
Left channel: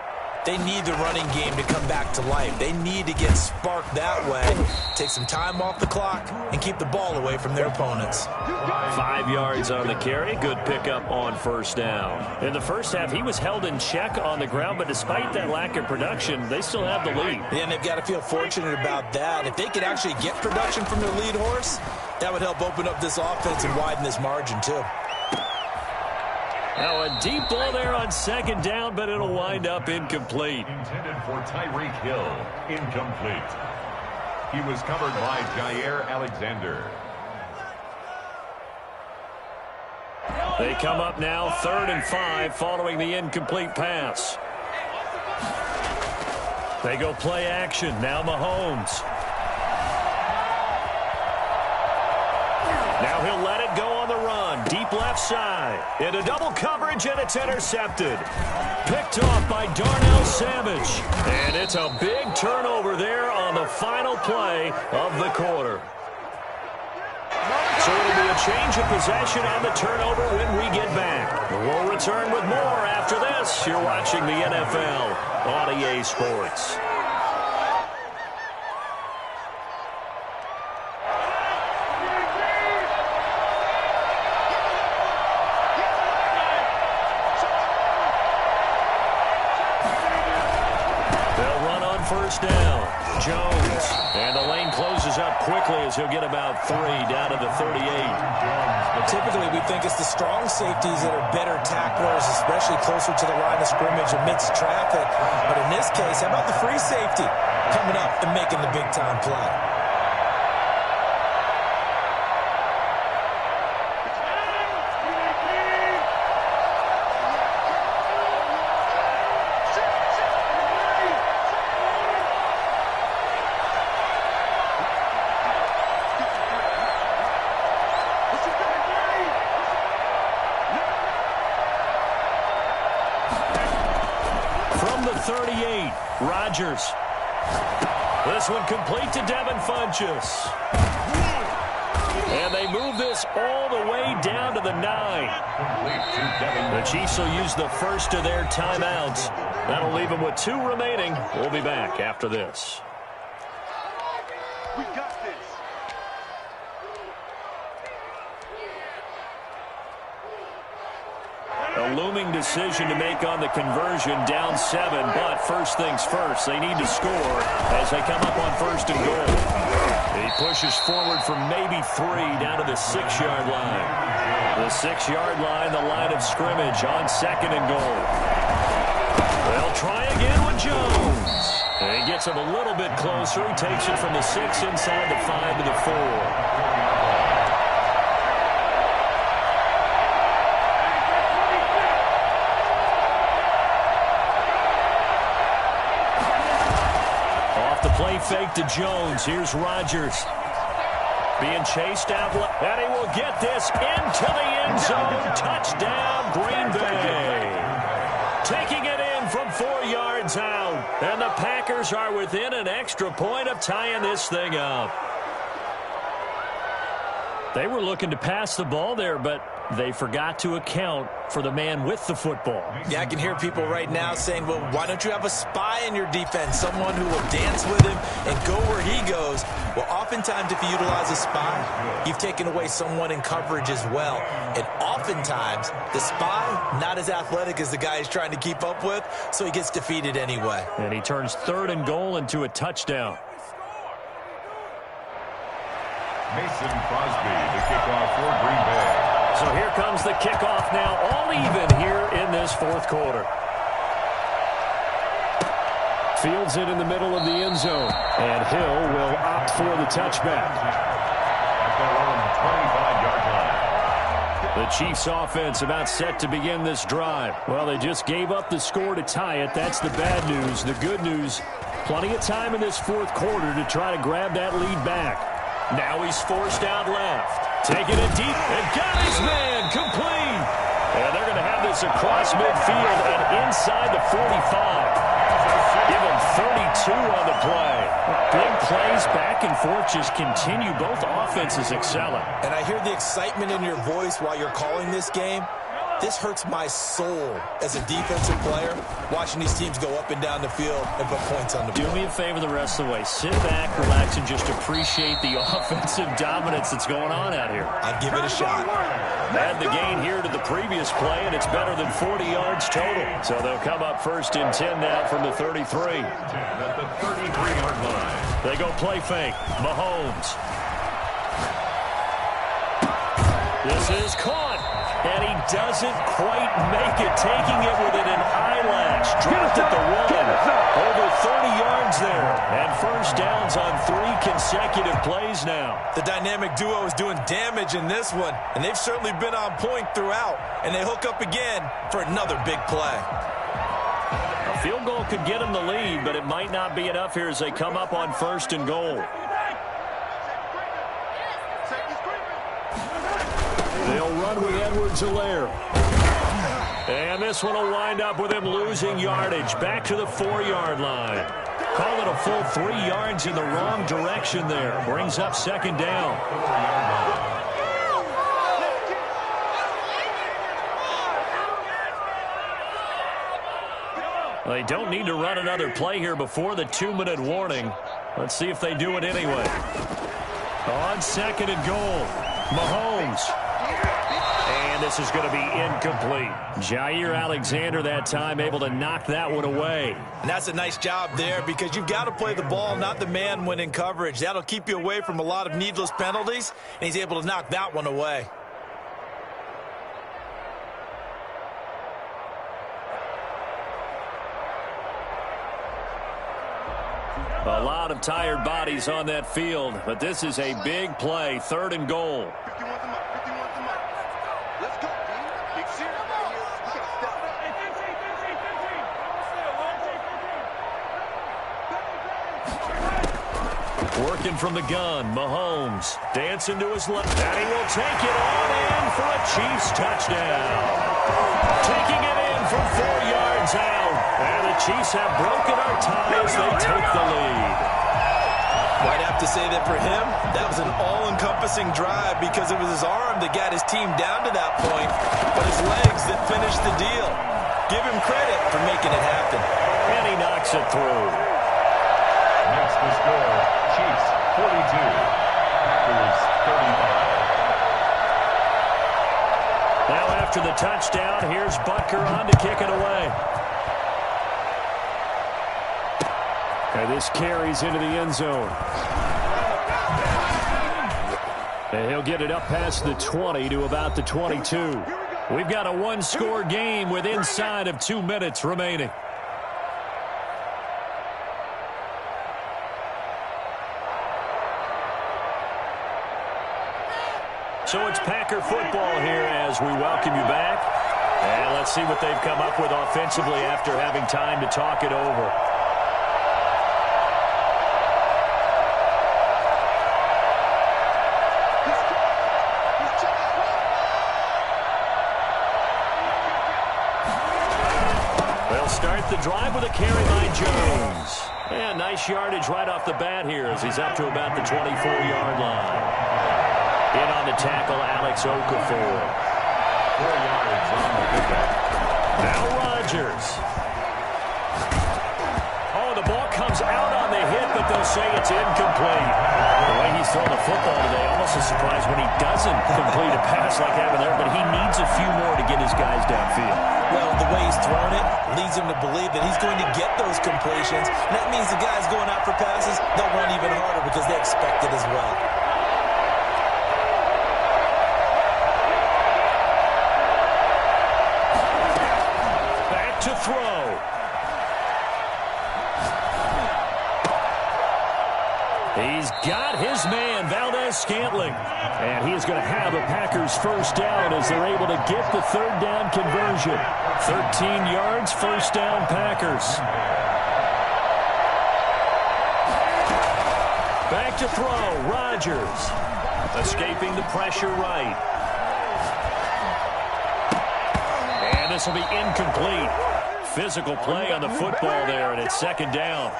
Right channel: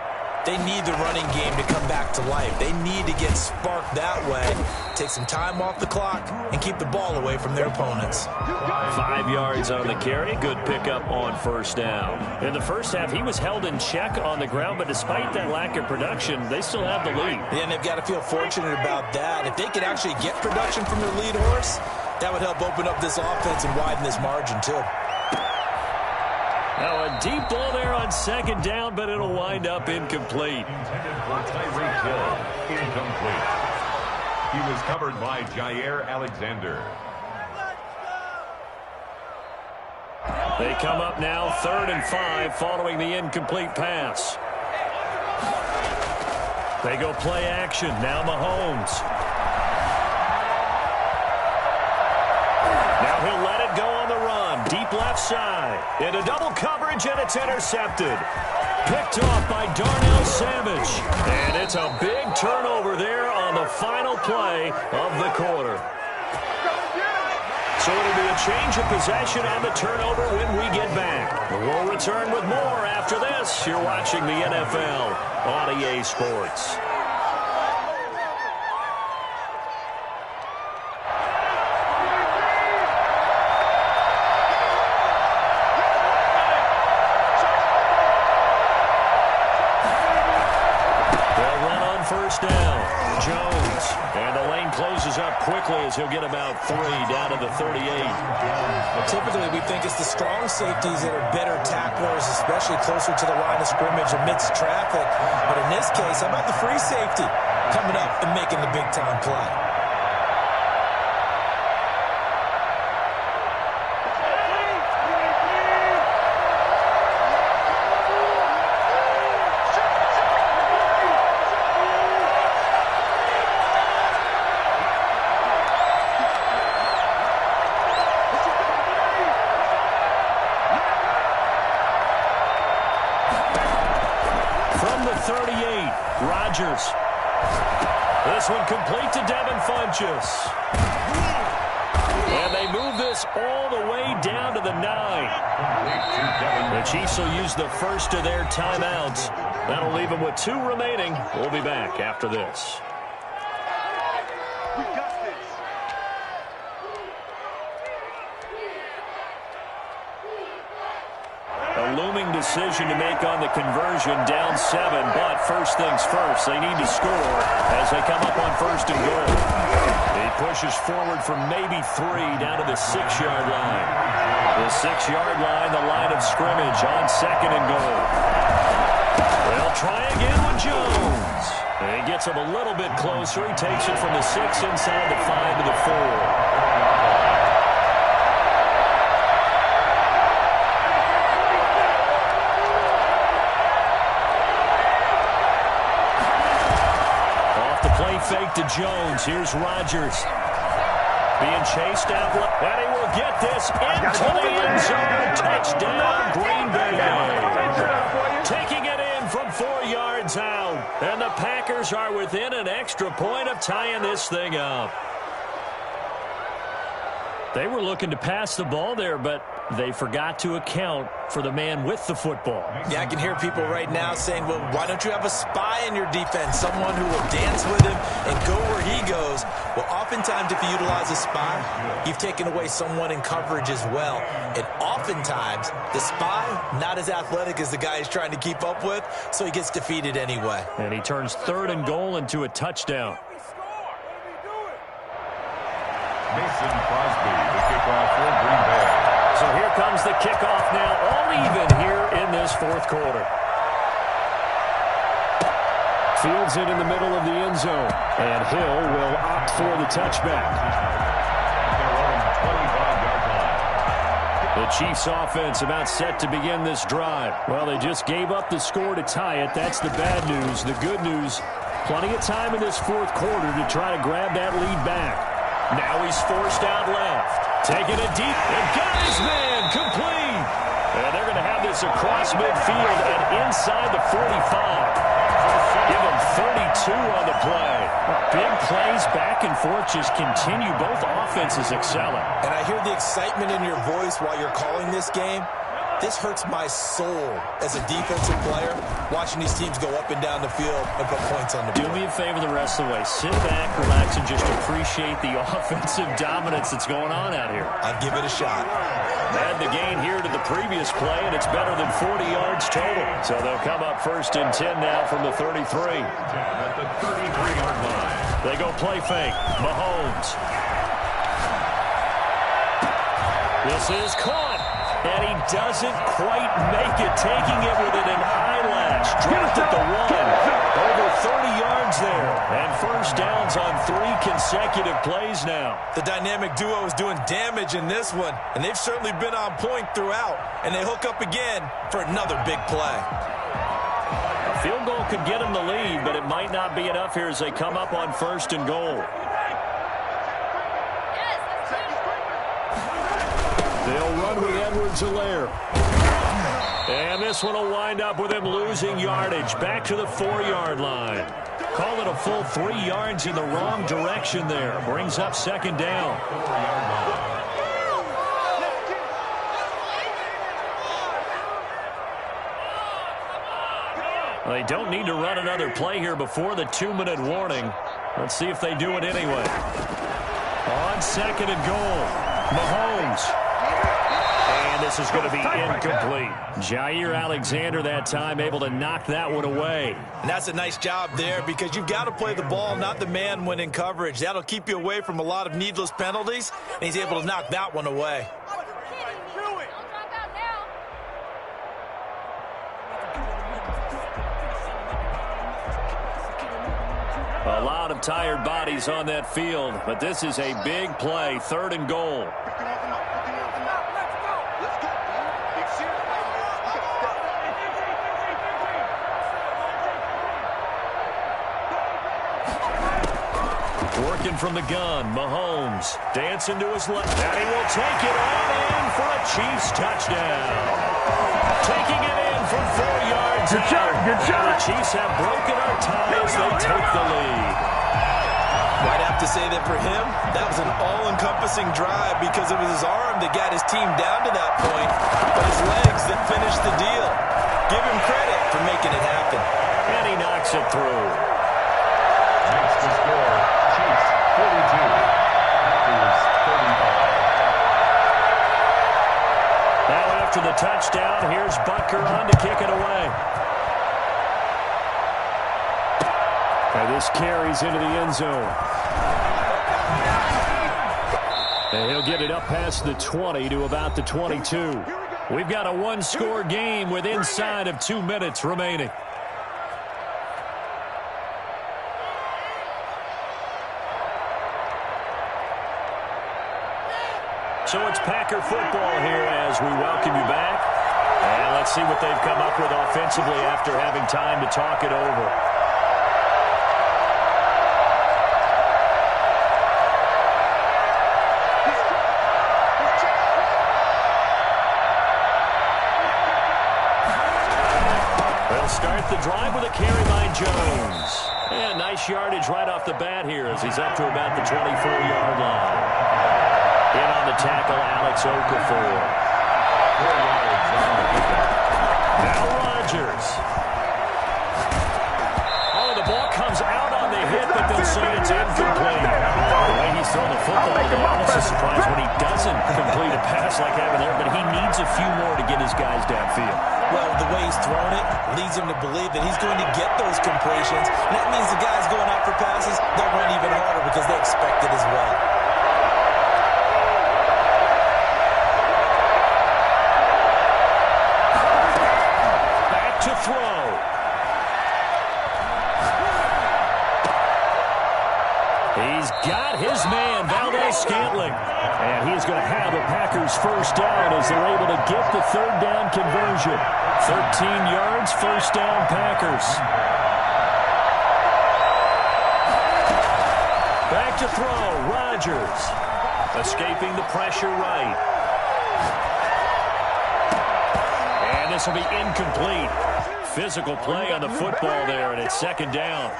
they need the running game to come back to life. They need to get sparked that way, take some time off the clock, and keep the ball away from their opponents. 5 yards on the carry. Good pickup on first down. In the first half, he was held in check on the ground, but despite that lack of production, they still have the lead. Yeah, and they've got to feel fortunate about that. If they could actually get production from their lead horse, that would help open up this offense and widen this margin, too. Now a deep ball there on 2nd down, but it'll wind up incomplete. Intended for Tyreek Hill, incomplete. He was covered by Jair Alexander. They come up now 3rd and 5 following the incomplete pass. They go play action. Now Mahomes. Now he'll let it go on the run. Deep left side. Into double coverage, and it's intercepted. Picked off by Darnell Savage. And it's a big turnover there on the final play of the quarter. So it'll be a change of possession on the turnover when we get back. We'll return with more after this. You're watching the NFL on EA Sports. First down, Jones, and the lane closes up quickly as he'll get about 3 down to the 38. Typically, we think it's the strong safeties that are better tacklers, especially closer to the line of scrimmage amidst traffic. But in this case, how about the free safety coming up and making the big-time play? From the 38, Rodgers. This one complete to Devin Funchess. And they move this all the way down to the 9. The Chiefs will use the first of their timeouts. That'll leave them with 2 remaining. We'll be back after this. We got this. A looming decision to make on the conversion, down 7, but first things first, they need to score as they come up on 1st and goal. He pushes forward from maybe 3 down to the 6-yard line. The 6-yard line, the line of scrimmage on 2nd and goal. They'll try again with Jones. And he gets him a little bit closer. He takes it from the 6 inside the 5 to the 4. fake to Jones. Here's Rodgers. Being chased out left. And he will get this into the end zone. Touchdown, Green Bay. Taking it in from 4 yards out. And the Packers are within an extra point of tying this thing up. They were looking to pass the ball there, but they forgot to account for the man with the football. Yeah, I can hear people right now saying, well, why don't you have a spy in your defense, someone who will dance with him and go where he goes? Well, oftentimes if you utilize a spy, you've taken away someone in coverage as well. And oftentimes, the spy, not as athletic as the guy he's trying to keep up with, so he gets defeated anyway. And he turns 3rd and goal into a touchdown. Mason Crosby, the kickoff for Green Bay. So here comes the kickoff now, all even here in this 4th quarter. Fields it in the middle of the end zone, and Hill will opt for the touchback. At their own 25-yard line. The Chiefs offense about set to begin this drive. Well, they just gave up the score to tie it. That's the bad news. The good news, plenty of time in this 4th quarter to try to grab that lead back. Now he's forced out left. Taking it deep and got his man complete. And they're going to have this across midfield and inside the 45. Give him 32 on the play. Big plays back and forth just continue. Both offenses excelling. And I hear the excitement in your voice while you're calling this game. This hurts my soul as a defensive player, watching these teams go up and down the field and put points on the board. Do me a favor the rest of the way. Sit back, relax, and just appreciate the offensive dominance that's going on out here. I'll give it a shot. Add the gain here to the previous play, and it's better than 40 yards total. So they'll come up 1st and 10 now from the 33. At the 33-yard line. They go play fake. Mahomes. This is caught. And he doesn't quite make it, taking it within an eyelash. Dropped at the 1. Over 30 yards there. And 1st downs on 3 consecutive plays now. The dynamic duo is doing damage in this one, and they've certainly been on point throughout. And they hook up again for another big play. A field goal could get them the lead, but it might not be enough here as they come up on 1st and goal. They'll run with Edwards-Helaire. And this one will wind up with him losing yardage. Back to the 4-yard line. Call it a full 3 yards in the wrong direction there. Brings up 2nd down. They don't need to run another play here before the 2-minute warning. Let's see if they do it anyway. On 2nd and goal, Mahomes. And this is going to be incomplete. Jair Alexander that time able to knock that one away. And that's a nice job there because you've got to play the ball, not the man when in coverage. That'll keep you away from a lot of needless penalties, and he's able to knock that one away. A lot of tired bodies on that field, but this is a big play, 3rd and goal. Let's go, dude. Big serious right here. You got to step it up. Working from the gun, Mahomes dancing to his left, and he will take it on in for a Chiefs touchdown. Taking it in from 4 yards out. And the Chiefs have broken our ties. They take the lead. I'd have to say that for him, that was an all-encompassing drive because it was his arm that got his team down to that point, but his legs that finished the deal. Give him credit for making it happen. And he knocks it through. Makes the score, Chiefs 42, Packers 35. Now after the touchdown, here's Butker on to kick it away. And this carries into the end zone. And he'll get it up past the 20 to about the 22. We've got a one-score game with inside of 2 minutes remaining. So it's Packer football here as we welcome you back. And let's see what they've come up with offensively after having time to talk it over. the drive with a carry by Jones. And nice yardage right off the bat here as he's up to about the 24-yard line. In on the tackle, Alex Okafor. 4 yards on the pickup. Now Rodgers. Oh, the ball comes out on the hit, but they'll say it's incomplete. The way he's throwing the football today, almost a surprise when he doesn't complete a pass like happened there, but he needs a few more to get his guys downfield. Well, the way he's thrown it leads him to believe that he's going to get those completions. And that means the guys going out for passes, they'll run even harder because they expect it as well. Back to throw. He's got his man, Valdes-Scantling. And he is going to have a Packers first down as they're able to get the third down conversion. 13 yards, first down Packers. Back to throw, Rodgers. Escaping the pressure right. And this will be incomplete. Physical play on the football there, and it's second down.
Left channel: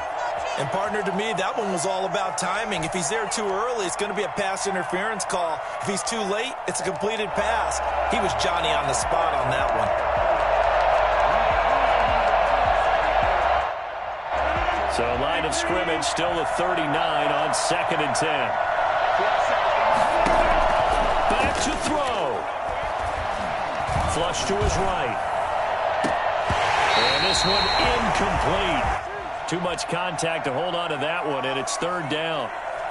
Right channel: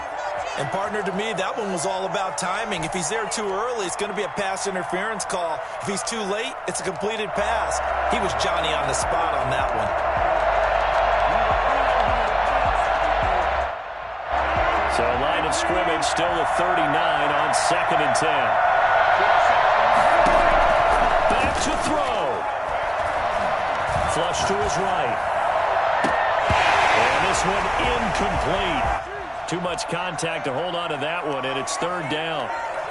And, partner, to me, that one was all about timing. If he's there too early, it's going to be a pass interference call. If he's too late, it's a completed pass. He was Johnny on the spot on that one. So, line of scrimmage, still the 39 on 2nd and 10. Back to throw. Flush to his right. And this one incomplete. Too much contact to hold on to that one, and it's third down.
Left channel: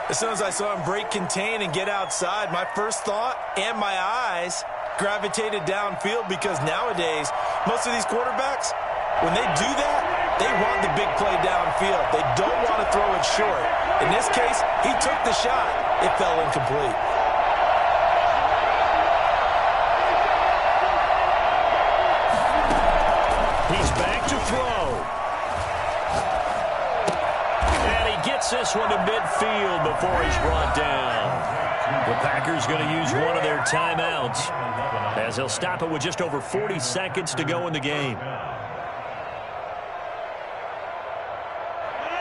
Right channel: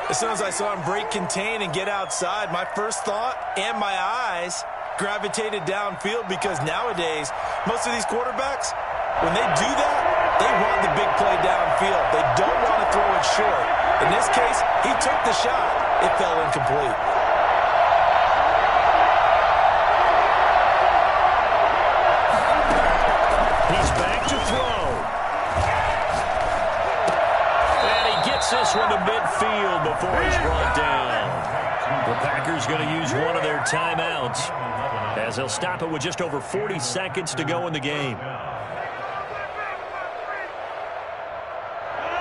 As soon as I saw him break contain and get outside, my first thought and my eyes gravitated downfield because nowadays, most of these quarterbacks, when they do that, they want the big play downfield. They don't want to throw it short. In this case, he took the shot. It fell incomplete. He's back to throw. Gets this one to midfield before he's brought down. The Packers going to use one of their timeouts as they'll stop it with just over 40 seconds to go in the game.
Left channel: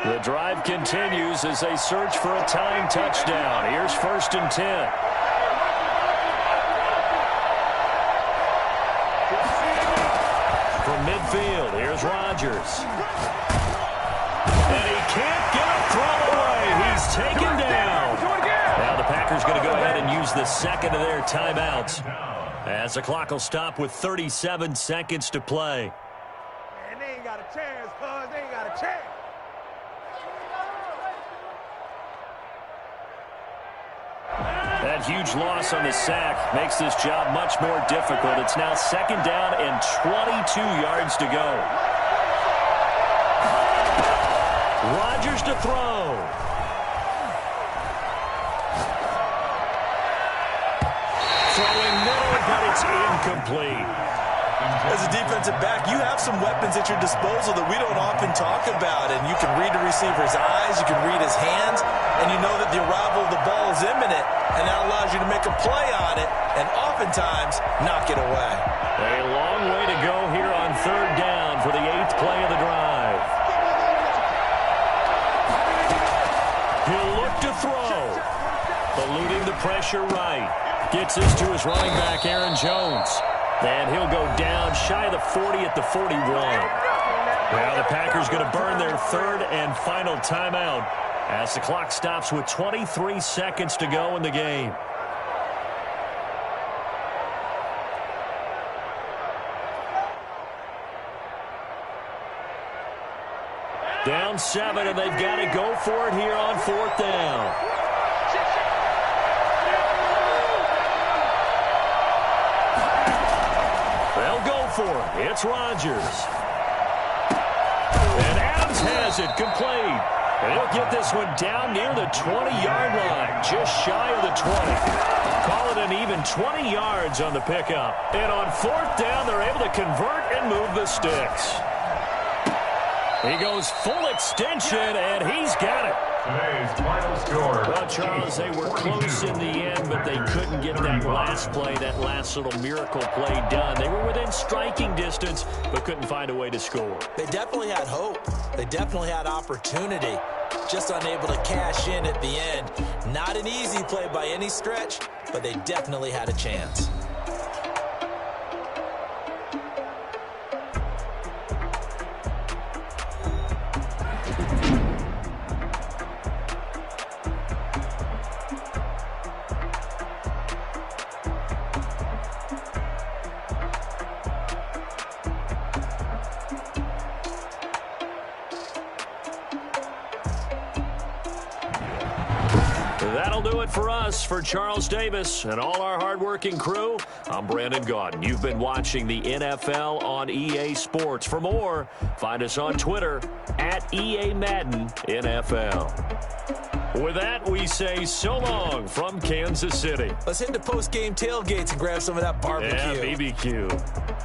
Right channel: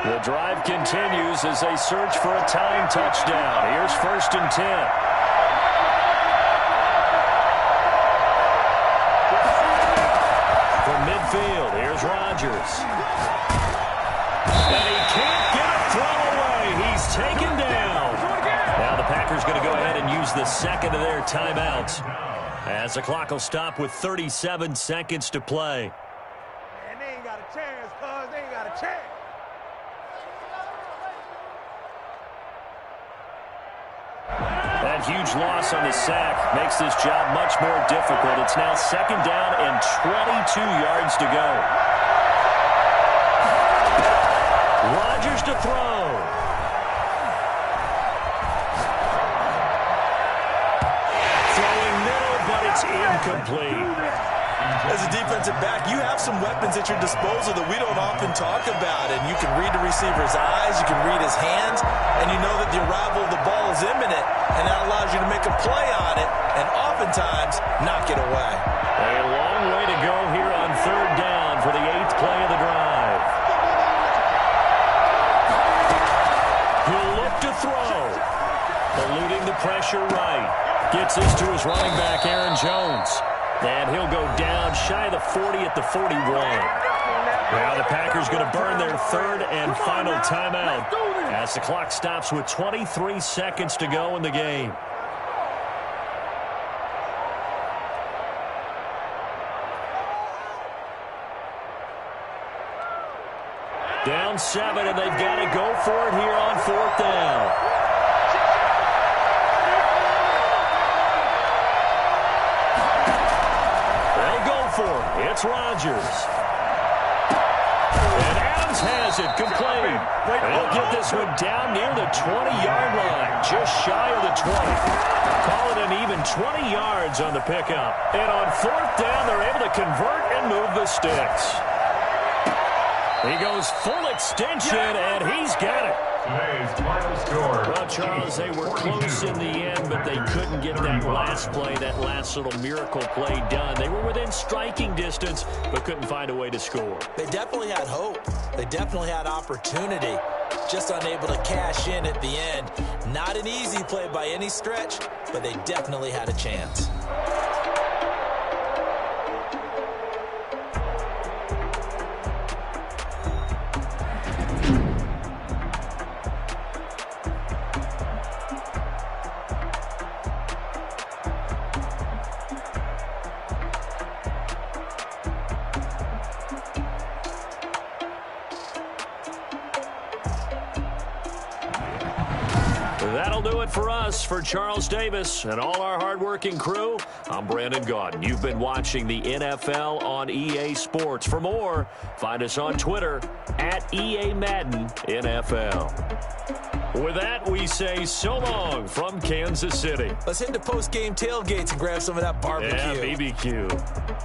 The drive continues as they search for a tying touchdown. Here's 1st and 10. From midfield, here's Rodgers. And he can't get a throw away. He's taken down. Now the Packers going to go ahead and use the second of their timeouts as the clock will stop with 37 seconds to play. Man, they ain't got a chance, cuz. They ain't got a chance. That huge loss on the sack makes this job much more difficult. It's now 2nd down and 22 yards to go. Rodgers to throw. Throwing middle, but it's incomplete. As a defensive back, you have some weapons at your disposal that we don't often talk about. And you can read the receiver's eyes, you can read his hands, and you know that the arrival of the ball is imminent. And that allows you to make a play on it and oftentimes knock it away. A long way to go here on 3rd down for the 8th play of the drive. He'll look to throw. Eluding the pressure right. Gets this to his running back, Aaron Jones. And he'll go down shy of the 40 at the 41. Now the Packers going to burn their 3rd and final timeout as the clock stops with 23 seconds to go in the game. Down 7, and they've got to go for it here on 4th down. They'll go for it. It's Rodgers. And Adams has it complete. And he'll get this one down near the 20-yard line, just shy of the 20. Call it an even 20 yards on the pickup. And on 4th down, they're able to convert and move the sticks. He goes full extension, and he's got it. Today's final score. Well, Charles, they were close in the end, but they couldn't get that last play, that last little miracle play done. They were within striking distance, but couldn't find a way to score. They definitely had hope. They definitely had opportunity. Just unable to cash in at the end. Not an easy play by any stretch, but they definitely had a chance. That'll do it for us. For Charles Davis and all our hardworking crew, I'm Brandon Gaudin. You've been watching the NFL on EA Sports. For more, find us on Twitter at EA Madden NFL. With that, we say so long from Kansas City. Let's hit the post-game tailgates and grab some of that barbecue. Yeah, BBQ.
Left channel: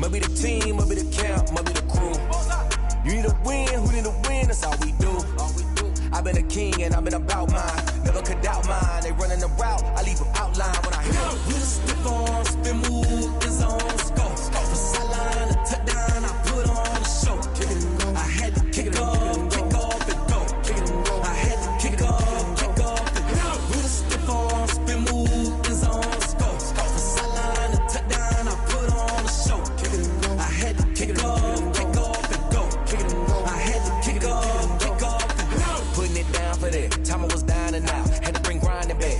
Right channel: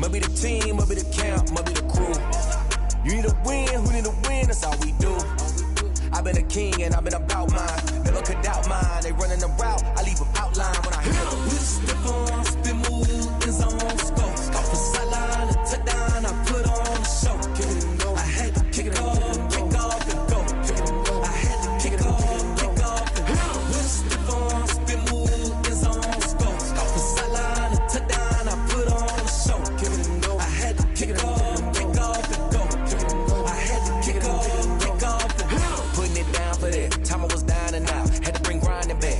Maybe the team, maybe the camp.